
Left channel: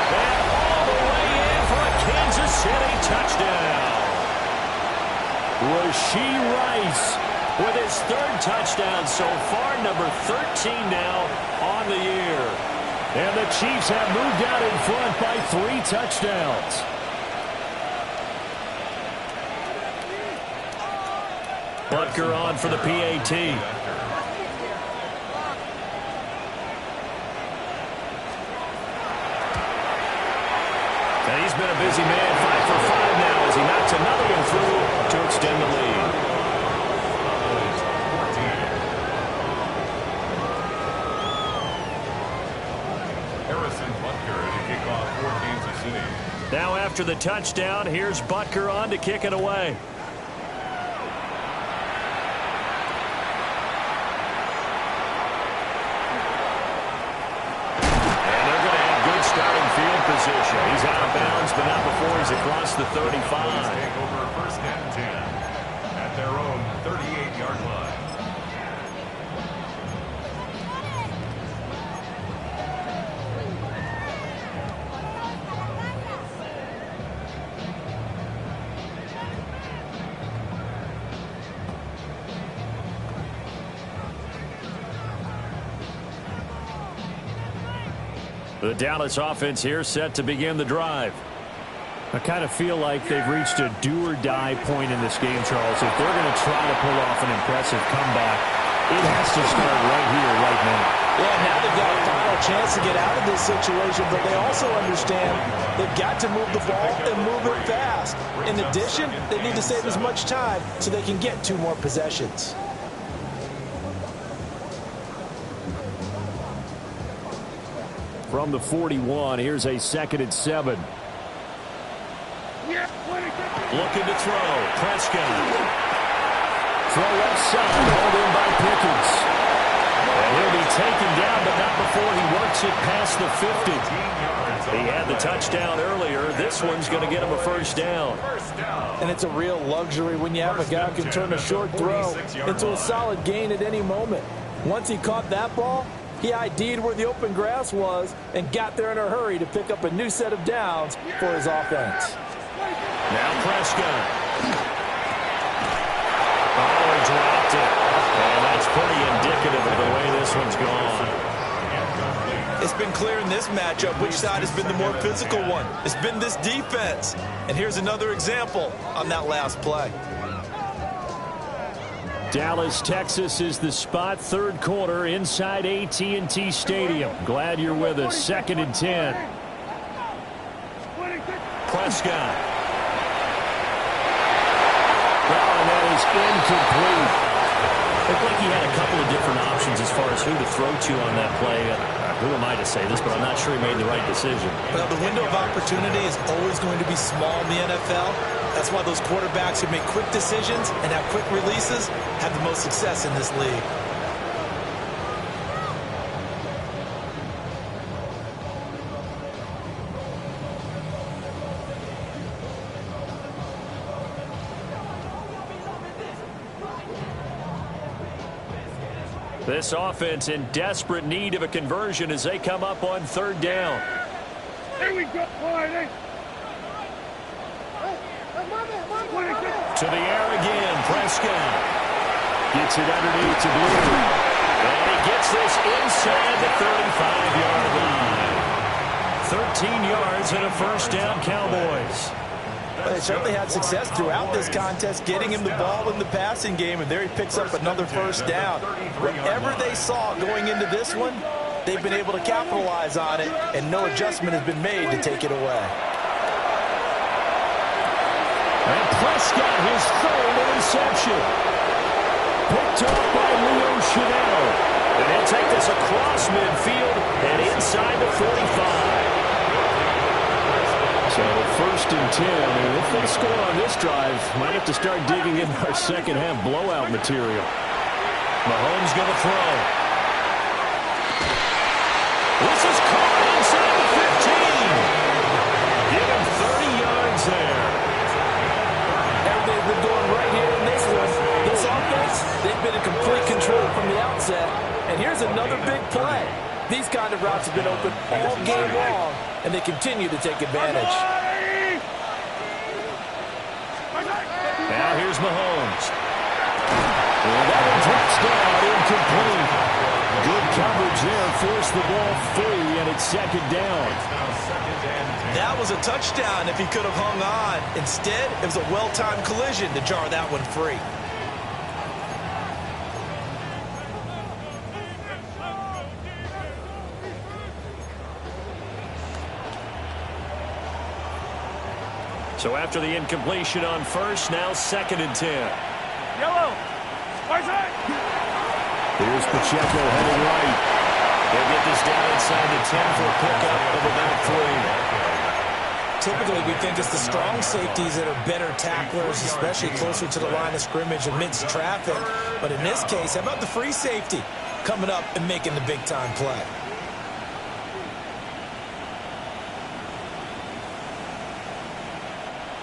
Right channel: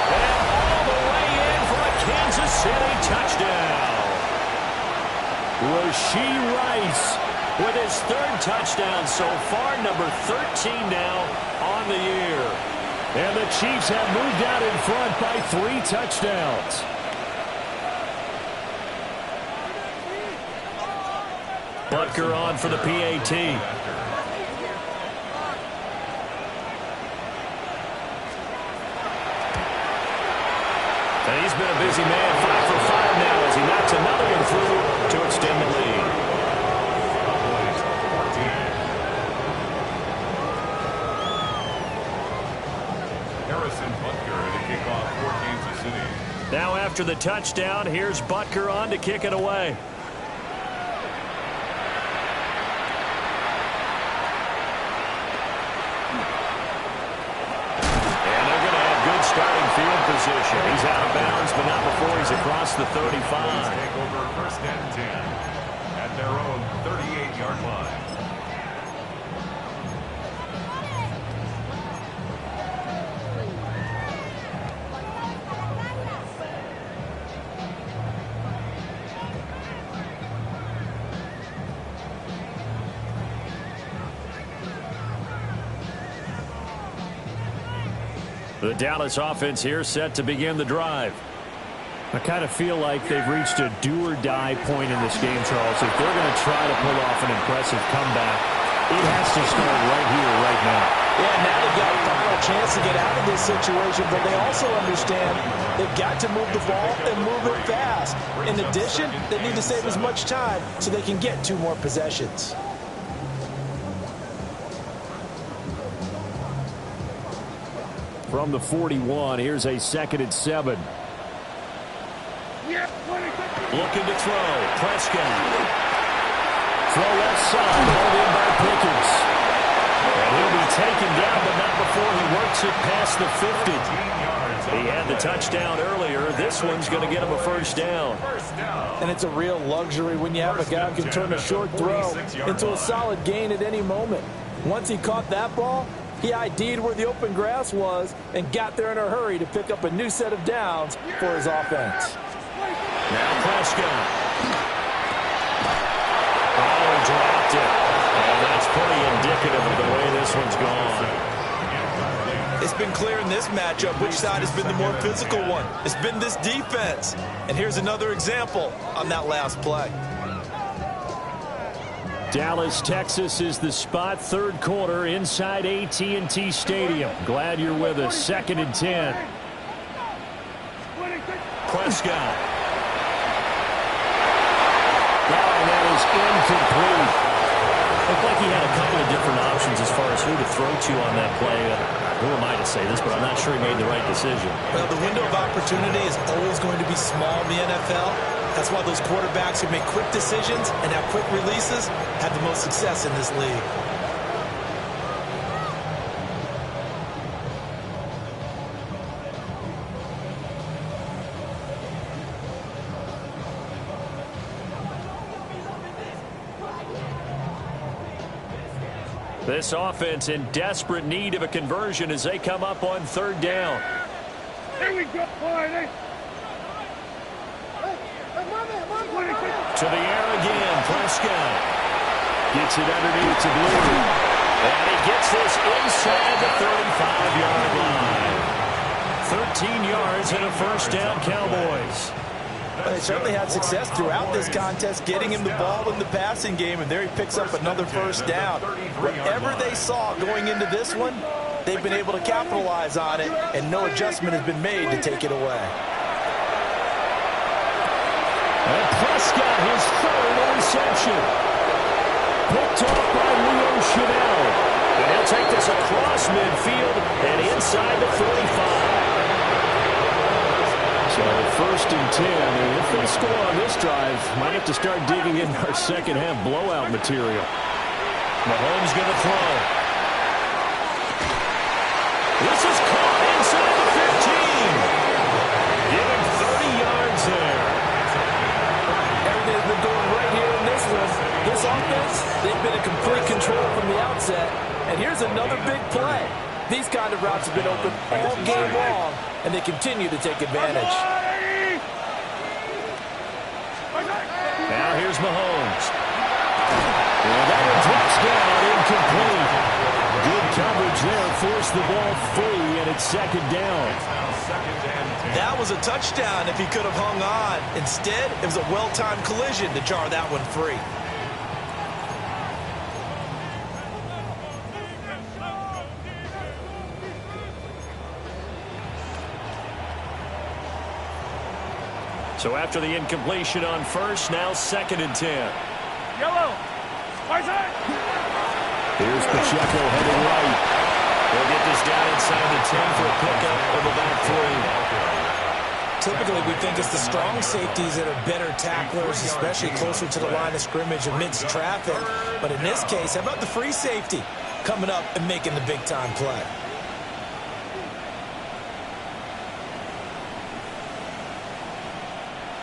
And all the way in for a Kansas City touchdown. Rashee Rice with his 3rd touchdown so far, number 13 now on the year. And the Chiefs have moved out in front by 3 touchdowns. Butker on for the PAT. And he's been a busy man, 5 for 5 now as he knocks another one through to extend the lead. Harrison Butker to kick off for Kansas City. Now after the touchdown, here's Butker on to kick it away. Starting field position. He's out of bounds, but not before he's across the 35. Take over 1st and 10 at their own 38-yard line. The Dallas offense here set to begin the drive. I kind of feel like they've reached a do-or-die point in this game, Charles. If they're going to try to pull off an impressive comeback, it has to start right here, right now. Yeah, now they've got a final chance to get out of this situation, but they also understand they've got to move the ball and move it fast. In addition, they need to save as much time so they can get 2 more possessions. From the 41, here's a 2nd and 7. Looking to throw. Prescott. Throw left side, hauled in by Pickens. And he'll be taken down, but not before he works it past the 50. He had the touchdown earlier. This one's going to get him a first down. And it's a real luxury when you have a guy who can turn a short throw into a solid gain at any moment. Once he caught that ball, he ID'd where the open grass was and got there in a hurry to pick up a new set of downs for his offense. Now Prescott. Oh, he dropped it. And that's pretty indicative of the way this one's gone. It's been clear in this matchup which side has been the more physical one. It's been this defense. And here's another example on that last play. Dallas, Texas is the spot. Third quarter inside AT&T Stadium. Glad you're with us. 2nd and 10. Prescott. Well, and that is incomplete. Looked like he had a couple of different options as far as who to throw to on that play. Who am I to say this, but I'm not sure he made the right decision. Well, the window of opportunity is always going to be small in the NFL. That's why those quarterbacks who make quick decisions and have quick releases have the most success in this league. This offense in desperate need of a conversion as they come up on 3rd down. Here we go, boy. To the air again, Prescott. Gets it underneath to Blue. And he gets this inside the 35-yard line. 13 yards and a first down, Cowboys. Well, they certainly had success throughout this contest, getting him the ball in the passing game, and there he picks up another first down. Whatever they saw going into this one, they've been able to capitalize on it, and no adjustment has been made to take it away. And Prescott, his 3rd interception. Picked off by Leo Chanel. And he'll take this across midfield and inside the 45. So 1st and 10, and if they score on this drive, might have to start digging in our second half blowout material. Mahomes going to throw. This is caught inside the 15. Give him 30 yards there. Everything's been going right here in this one. This offense, they've been in complete control from the outset. And here's another big play. These kind of routes have been open all game long, and they continue to take advantage. Now here's Mahomes. And that one drops down, incomplete. Good coverage there, forced the ball free, and it's 2nd down. That was a touchdown if he could have hung on. Instead, it was a well-timed collision to jar that one free. So after the incompletion on first, now 2nd and 10. Yellow. Right side. Here's Pacheco heading right. They'll get this down inside the 10 for a pickup of about 3. Typically, we think it's the strong safeties that are better tacklers, especially closer to the line of scrimmage amidst traffic. But in this case, how about the free safety coming up and making the big-time play?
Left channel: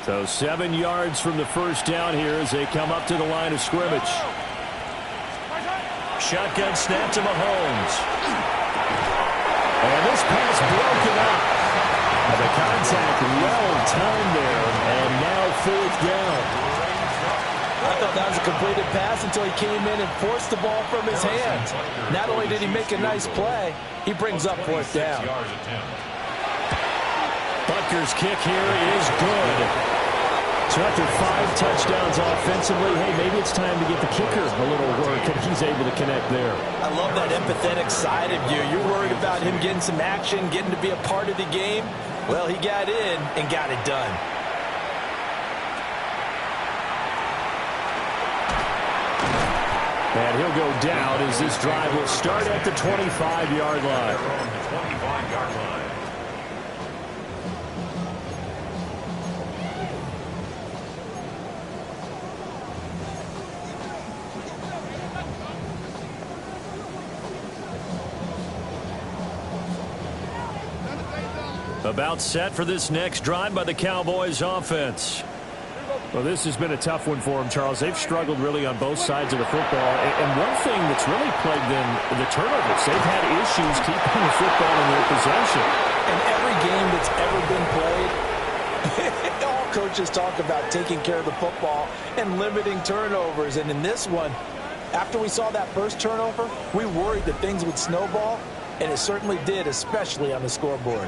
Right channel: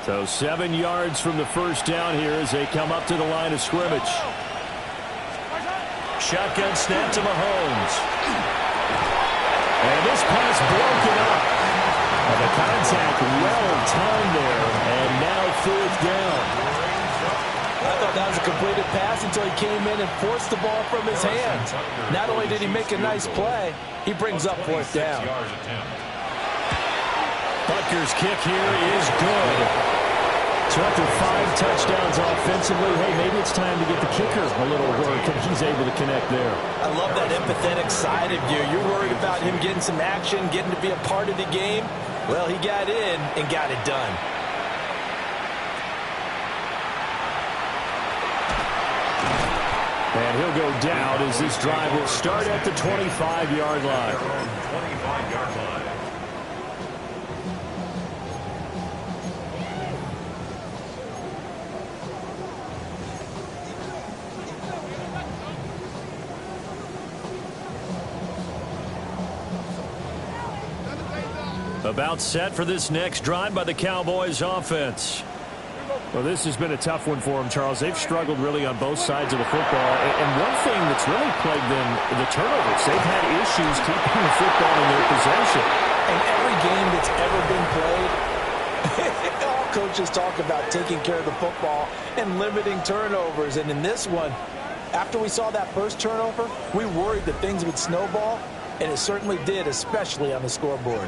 So 7 yards from the first down here as they come up to the line of scrimmage. Shotgun snap to Mahomes. And this pass broken up. And the contact well-timed there. And now 4th down. I thought that was a completed pass until he came in and forced the ball from his hands. Not only did he make a nice play, he brings up 4th down. Butker's kick here is good. So after 5 touchdowns offensively, hey, maybe it's time to get the kicker a little work, and he's able to connect there. I love that empathetic side of you. You're worried about him getting some action, getting to be a part of the game. Well, he got in and got it done. And he'll go down as this drive will start at the 25-yard line. 25-yard line. About set for this next drive by the Cowboys offense. Well, this has been a tough one for them, Charles. They've struggled really on both sides of the football. And one thing that's really plagued them, the turnovers. They've had issues keeping the football in their possession. And every game that's ever been played, it all coaches talk about taking care of the football and limiting turnovers. And in this one, after we saw that first turnover, we worried that things would snowball, and it certainly did, especially on the scoreboard.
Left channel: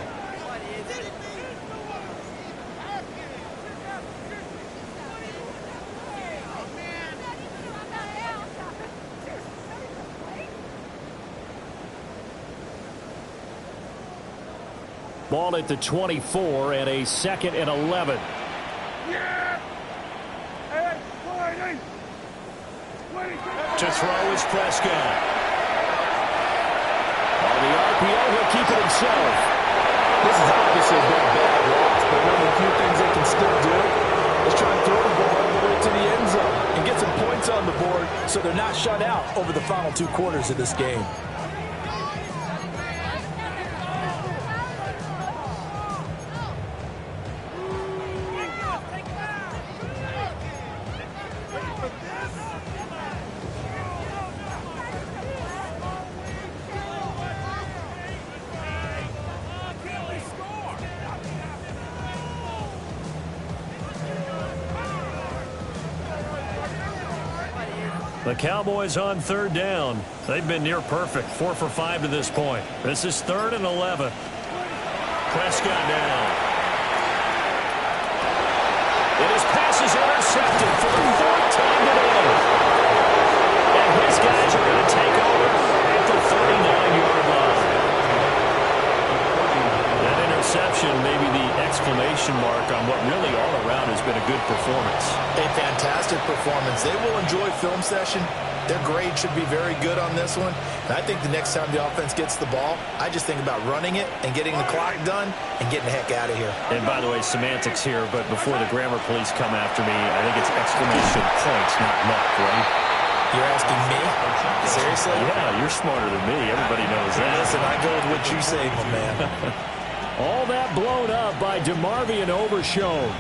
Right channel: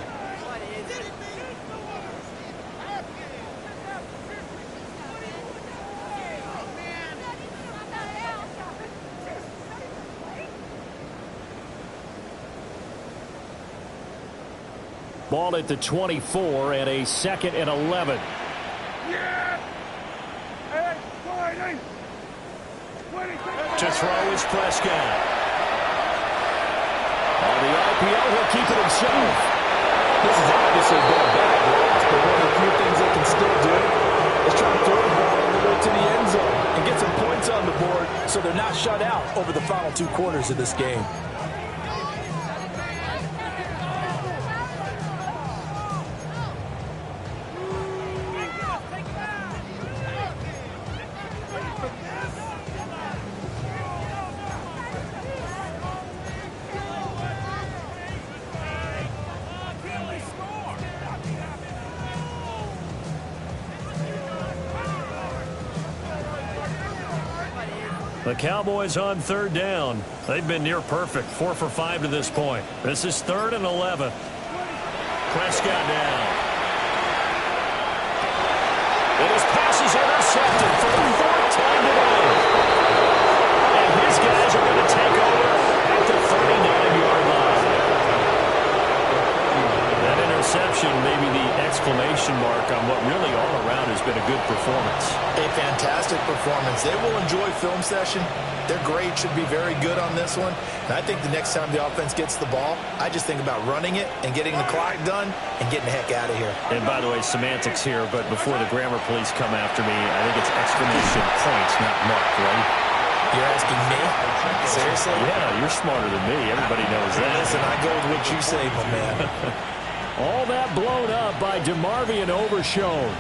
Ball at the 24 and a 2nd and 11. Yeah! Hey, To throw is Prescott. On the RPO, he'll keep it himself. This has obviously been a bad loss, but one of the few things they can still do is try and throw the ball all the way to the end zone and get some points on the board so they're not shut out over the final 2 quarters of this game. The Cowboys on 3rd down. They've been near perfect, 4 for 5 to this point. This is 3rd and 11. Prescott down. And his pass is intercepted for the 4th time today. And his guys are going to take over at the 39-yard line. That interception may be the exclamation mark on what really all around has been a good performance. A fantastic performance. They will enjoy film session. Their grade should be very good on this one. And I think the next time the offense gets the ball, I just think about running it and getting the clock done and getting the heck out of here. And by the way, semantics here, but before the grammar police come after me, I think it's exclamation point, not mark, right? You're asking me? Seriously? Yeah, you're smarter than me. Everybody knows that. Listen, I go with what you say, my man. All that blown up by DeMarvion Overshown.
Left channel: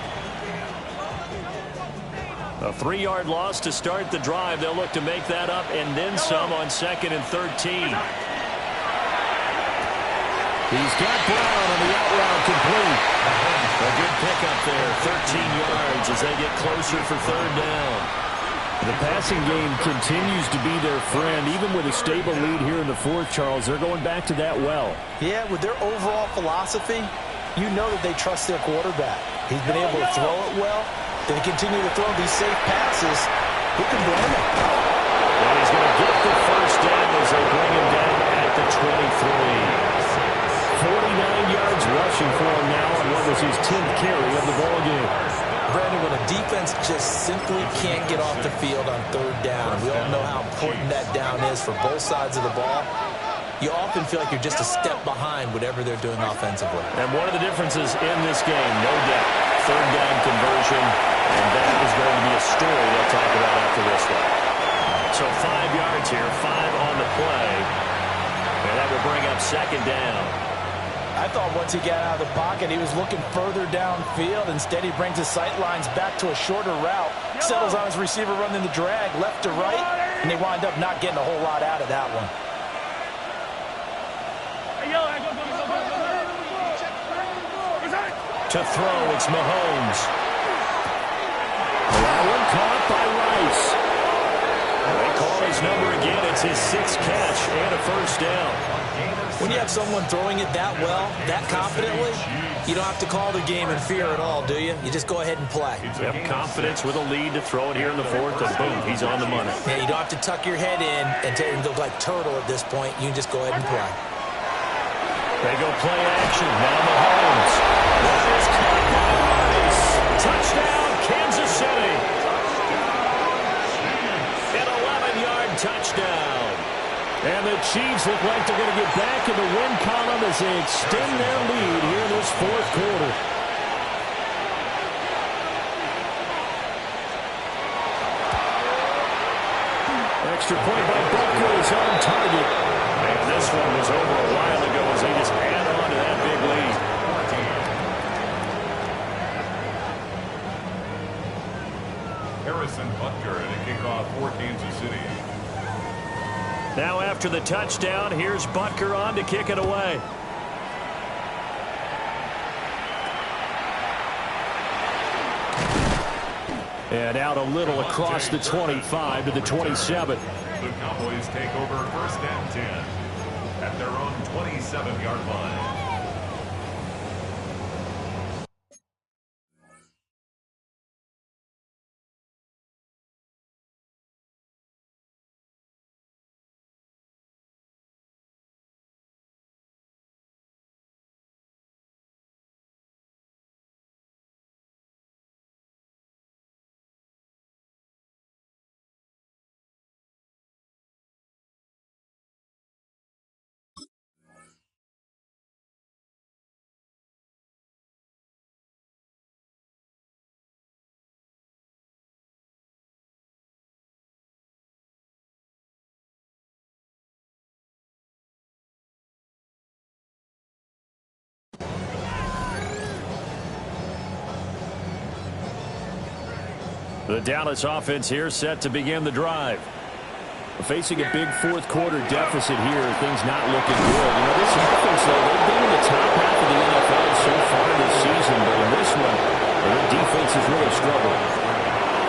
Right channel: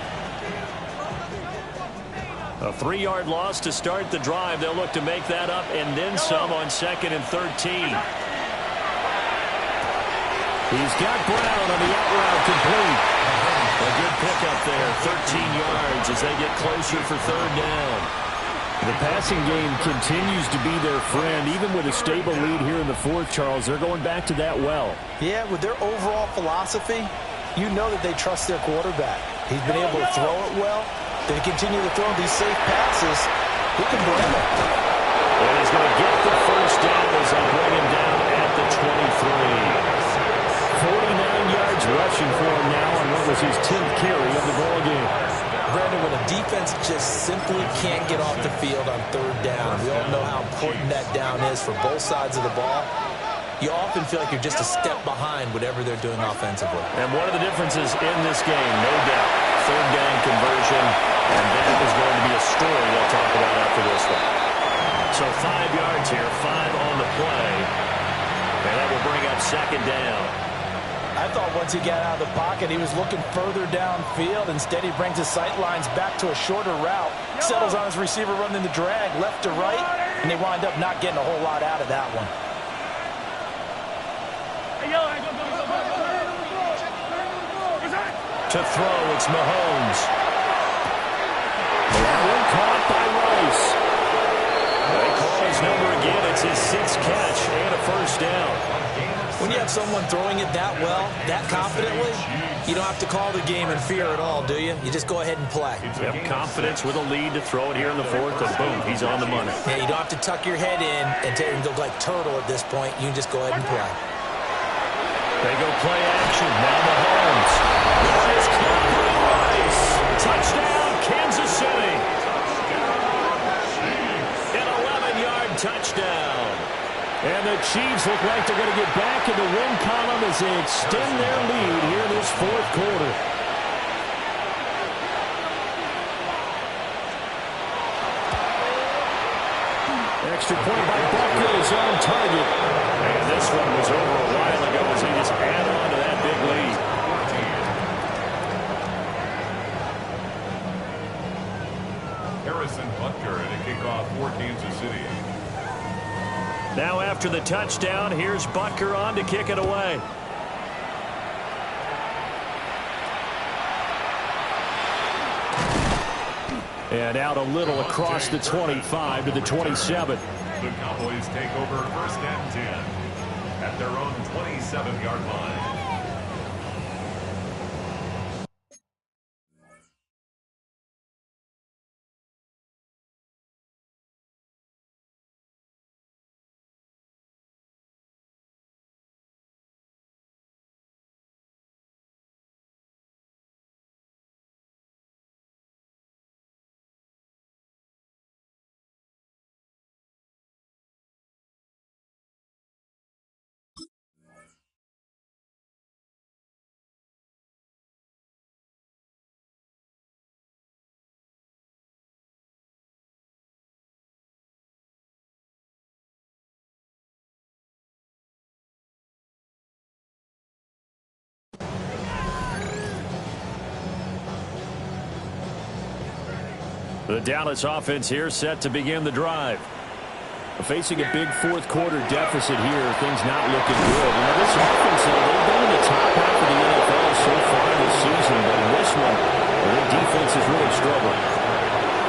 A 3-yard loss to start the drive. They'll look to make that up and then some on 2nd and 13. He's got Brown on the out route complete. A good pickup there, 13 yards as they get closer for 3rd down. The passing game continues to be their friend. Even with a stable lead here in the 4th, Charles, they're going back to that well. Yeah, with their overall philosophy, you know that they trust their quarterback. He's been able to throw it well. They continue to throw these safe passes. Who can blame him? And he's going to get the 1st down as they bring him down at the 23. 49 yards rushing for him now on what was his 10th carry of the ballgame. Brandon, when a defense just simply can't get off the field on 3rd down, we all know how important that down is for both sides of the ball. You often feel like you're just a step behind whatever they're doing offensively. And one of the differences in this game, no doubt, 3rd down conversion, and that is going to be a story they'll talk about after this one. So 5 yards here, 5 on the play, and that will bring up 2nd down. I thought once he got out of the pocket, he was looking further downfield. Instead, he brings his sight lines back to a shorter route, settles on his receiver running the drag left to right, and they wind up not getting a whole lot out of that one. To throw, it's Mahomes. That one caught by Rice. They call his number again. It's his 6th catch and a 1st down. When you have someone throwing it that well, that confidently, you don't have to call the game in fear at all, do you? You just go ahead and play. Yep, confidence with a lead to throw it here in the 4th, and boom, he's on the money. Yeah, you don't have to tuck your head in and look like turtle at this point. You can just go ahead and play. They go play action. Now Mahomes. That is caught by Rice. Touchdown, Kansas City. An 11-yard touchdown. And the Chiefs look like they're going to get back in the win column as they extend their lead here in this 4th quarter. Extra point by Butker is on target. And this one was over a while ago as they just add on to that big lead. Harrison Butker at a kickoff for Kansas City. Now after the touchdown, here's Butker on to kick it away. And out a little across the 25 to the 27. The Cowboys take over 1st and 10 at their own 27-yard line. The Dallas offense here set to begin the drive. Facing a big fourth quarter deficit here, things not looking good. You know, this offense, though, they've been in the top half of the NFL so far this season, but in this one, their defense has really struggled.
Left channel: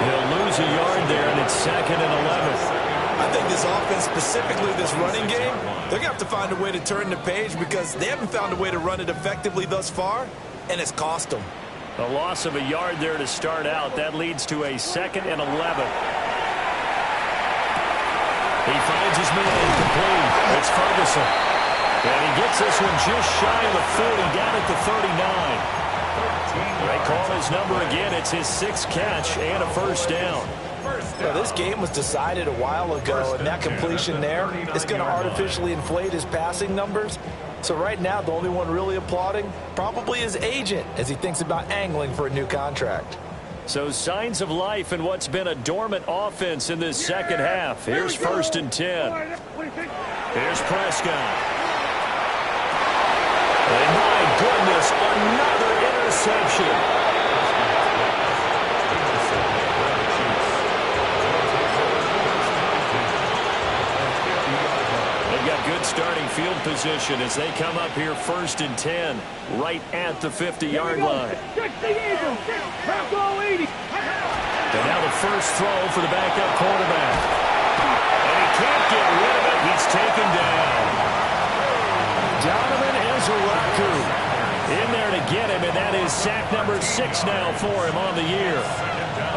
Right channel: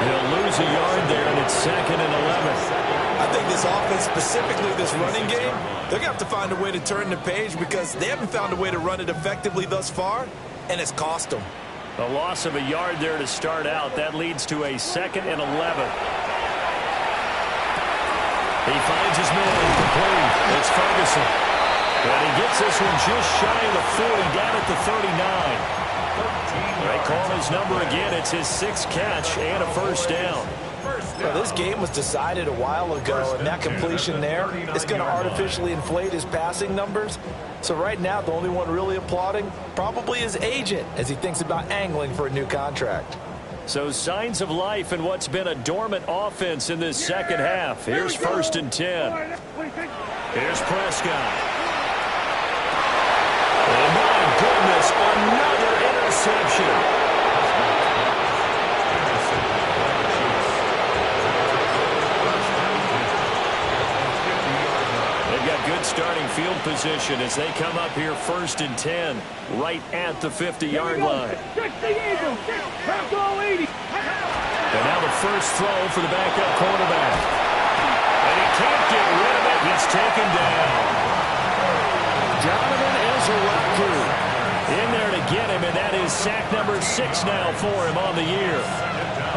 He'll lose a yard there, and it's 2nd and 11. I think this offense, specifically this running game, they're going to have to find a way to turn the page because they haven't found a way to run it effectively thus far, and it's cost them. A loss of a yard there to start out. That leads to a 2nd and 11. He finds his man incomplete. It's Ferguson. And he gets this one just shy of the 40, down at the 39. They call his number again. It's his 6th catch and a first down. Well, this game was decided a while ago, and that completion there is going to artificially inflate his passing numbers. So right now, the only one really applauding probably his agent as he thinks about angling for a new contract. So signs of life in what's been a dormant offense in this second half. Here's 1st and 10. Here's Prescott. And my goodness, another interception. They've got good starting field position as they come up here 1st and 10, right at the 50-yard line. And now the first throw for the backup quarterback. And he can't get rid of it. He's taken down. Donovan Ezeraku in there to get him, and that is sack number 6 now for him on the year.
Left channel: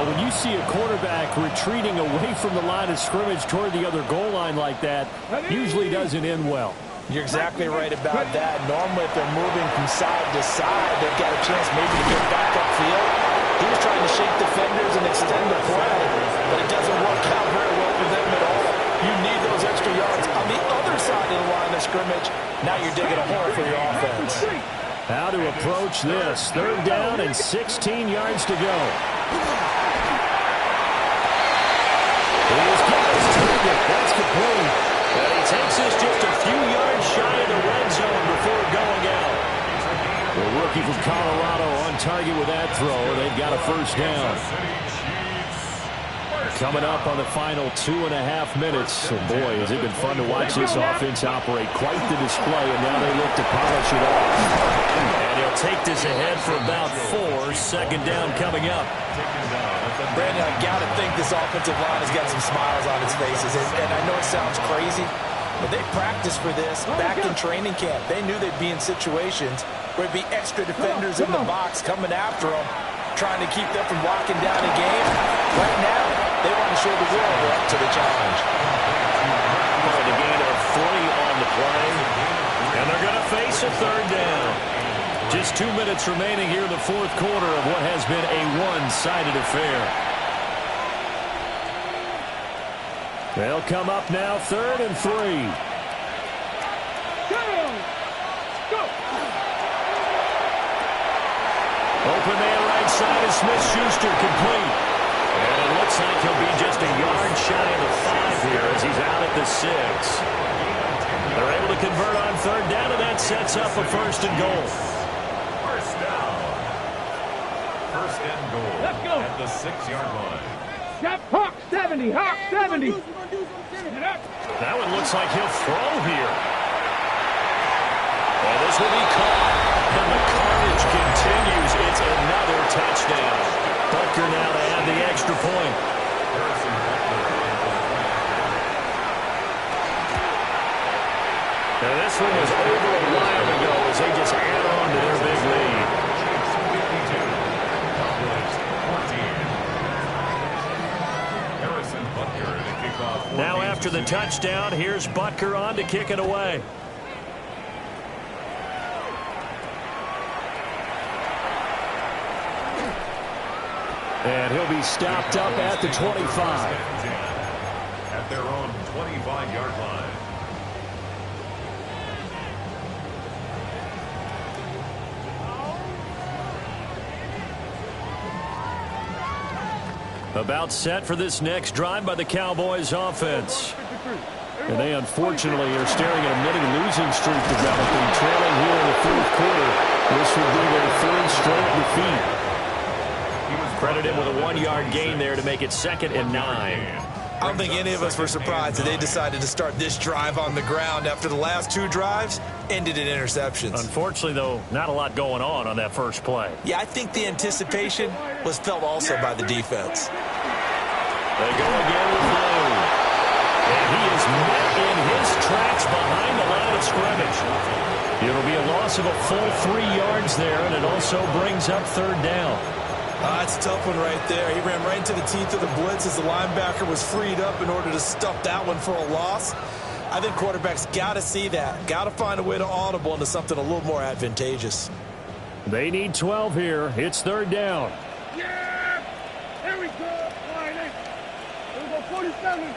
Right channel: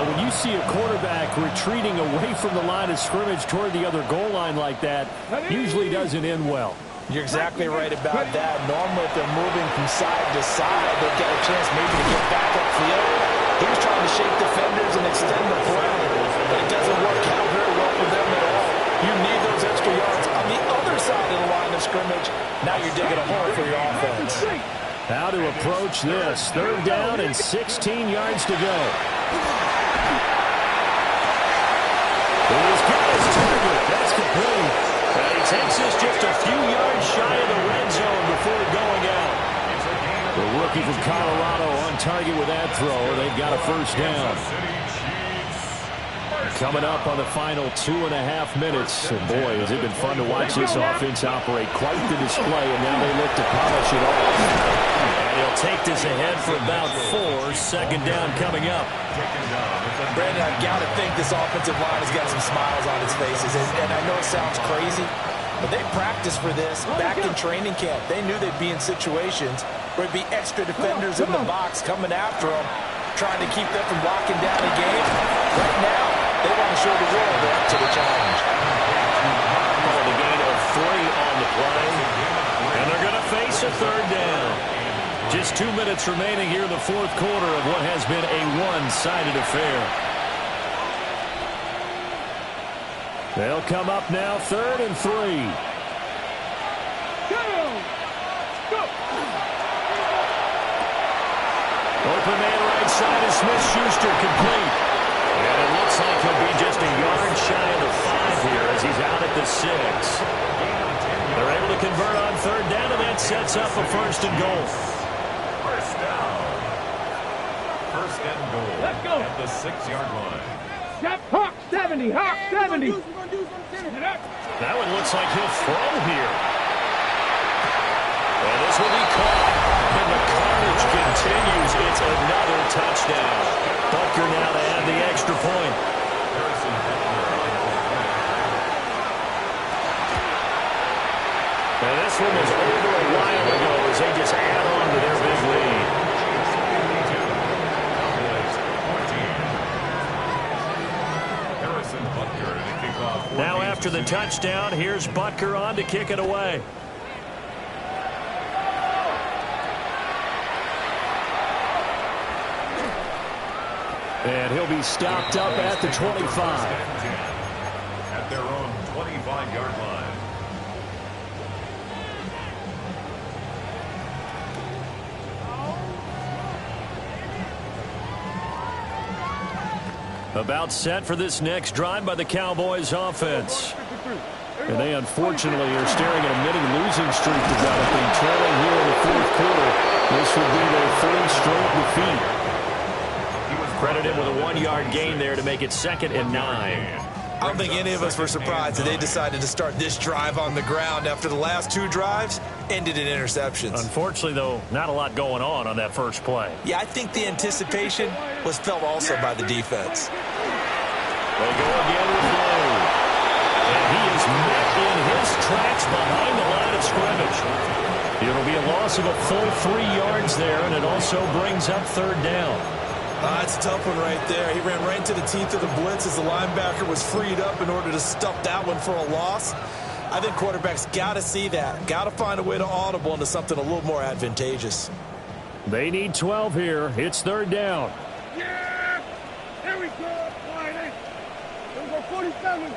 When you see a quarterback retreating away from the line of scrimmage toward the other goal line like that, usually doesn't end well. You're exactly right about that. Normally, if they're moving from side to side, they've got a chance maybe to get back upfield. He was trying to shake defenders and extend the play, but it doesn't work out very well for them at all. You need those extra yards on the other side of the line of scrimmage. Now you're digging a hole for your offense. How to approach this. 3rd down and 16 yards to go. He's got his target. That's complete. And he takes this just a few yards shy of the red zone before going out. The rookie from Colorado on target with that throw. They've got a first down. Coming up on the final 2.5 minutes. And boy, has it been fun to watch this offense operate. Quite the display, and now they look to polish it off. And he'll take this ahead for about 4. 2nd down coming up. Brandon, I've got to think this offensive line has got some smiles on its faces. And I know it sounds crazy, but they practiced for this back in training camp. They knew they'd be in situations where there'd be extra defenders in the box coming after them, trying to keep them from locking down a game. Right now, they want to show the world they're up to the challenge. Calling a gain of 3 on the play. And they're going to face a 3rd down. Just 2 minutes remaining here in the 4th quarter of what has been a one-sided affair. They'll come up now 3rd and 3. Go! Open man right side is Smith-Schuster, complete. And it looks like he'll be just a yard shy of the 5 here as he's out at the 6. They're able to convert on 3rd down, and that sets up a 1st and goal. First down. 1st and goal. Let's go. At the 6-yard line. Hawk 70, Hawk 70. That one looks like he'll throw here. And this will be caught. And the carnage continues. It's another touchdown. Butker now to add had the extra point. Harrison Butker on the point. And this one was over a while ago as they just add on to their big lead. Chiefs 52, Cowboys 14. Harrison Butker to kick off. Now after the touchdown, here's Butker on to kick it away. And he'll be stopped up at the 25. At their own 25-yard line. About set for this next drive by the Cowboys offense. And they unfortunately are staring at a mini losing streak developing, trailing here in the fourth quarter. This will be their third straight defeat. Credited with a 1-yard gain there to make it 2nd and 9. I don't think any of us were surprised that they decided to start this drive on the ground after the last 2 drives ended in interceptions. Unfortunately, though, not a lot going on that first play. Yeah, I think the anticipation was felt also by the defense. They go again with Blue. And he is met in his tracks behind the line of scrimmage. It'll be a loss of a full 3 yards there, and it also brings up 3rd down. That's a tough one right there. He ran right into the teeth of the blitz as the linebacker was freed up in order to stuff that one for a loss. I think quarterbacks got to see that. Got to find a way to audible into something a little more advantageous. They need 12 here. It's 3rd down. Yeah! Here we go! Line 8. Here we go, 47.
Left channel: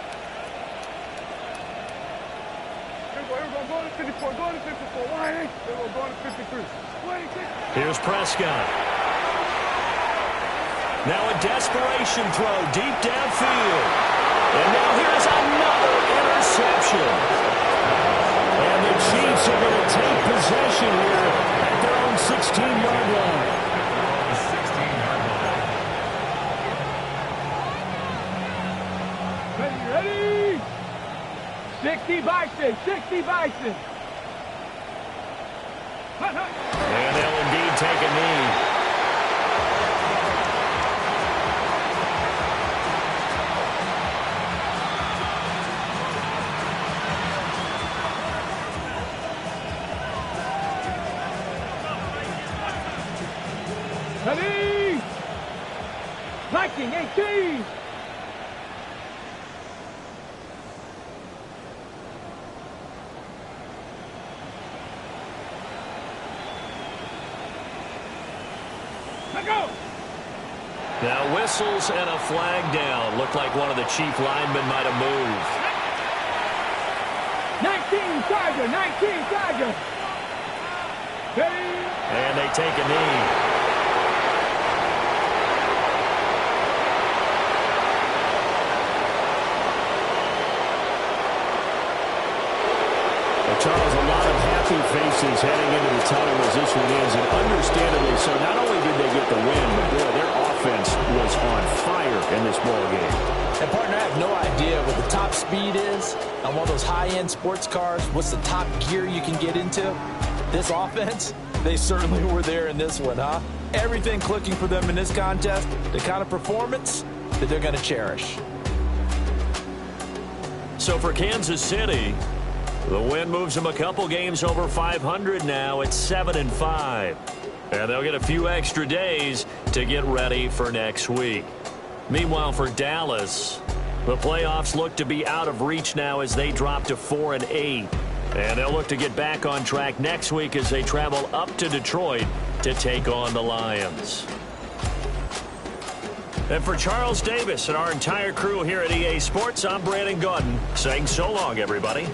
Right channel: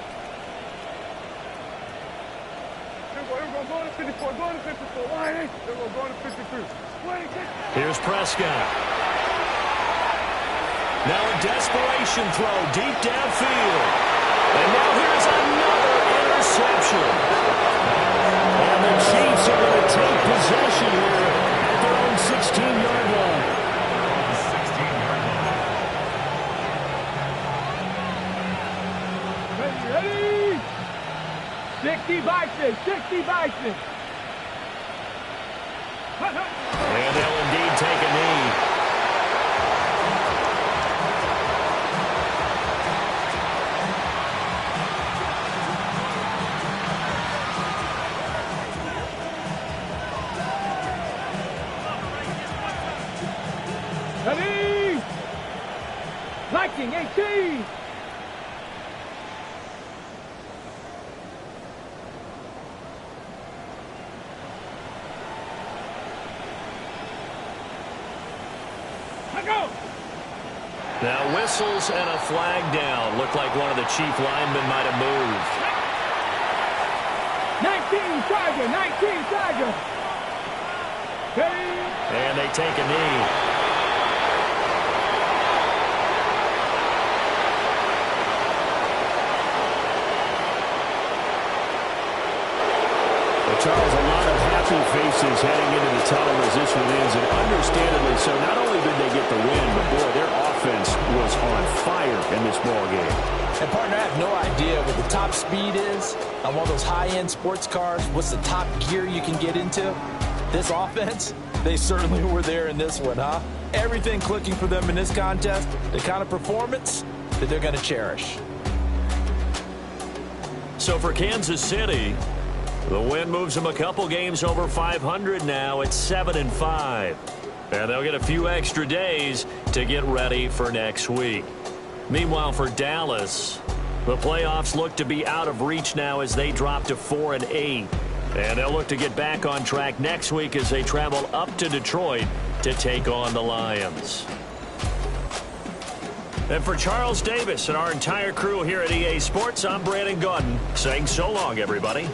Here we go, go to 54, go to 54. Line 8. Here we go to 53. 26. Here's Prescott. Now a desperation throw deep downfield. And now here's another interception. And the Chiefs are going to take possession here at their own 16-yard line. Their own 16-yard line. Ready? 60 Bison, 60 Bison. And they'll indeed take a knee. Ready? Viking 18. Let go. Now whistles and a flag down. Looked like one of the Chief linemen might have moved. 19 Tiger, 19 Tiger. Ready? And they take a knee. Charles, a lot of happy faces heading into the tunnel as this one ends, and understandably so. Not only did they get the win, but boy, their offense was on fire in this ball game. And partner, I have no idea what the top speed is on one of those high-end sports cars. What's the top gear you can get into? This offense, they certainly were there in this one, huh? Everything clicking for them in this contest, the kind of performance that they're going to cherish. So for Kansas City, the win moves them a couple games over 500 now. It's 7-5. And they'll get a few extra days to get ready for next week. Meanwhile, for Dallas, the playoffs look to be out of reach now as they drop to 4-8. And they'll look to get back on track next week as they travel up to Detroit to take on the Lions. And for Charles Davis and our entire crew here at EA Sports, I'm Brandon Gaudin saying so long, everybody.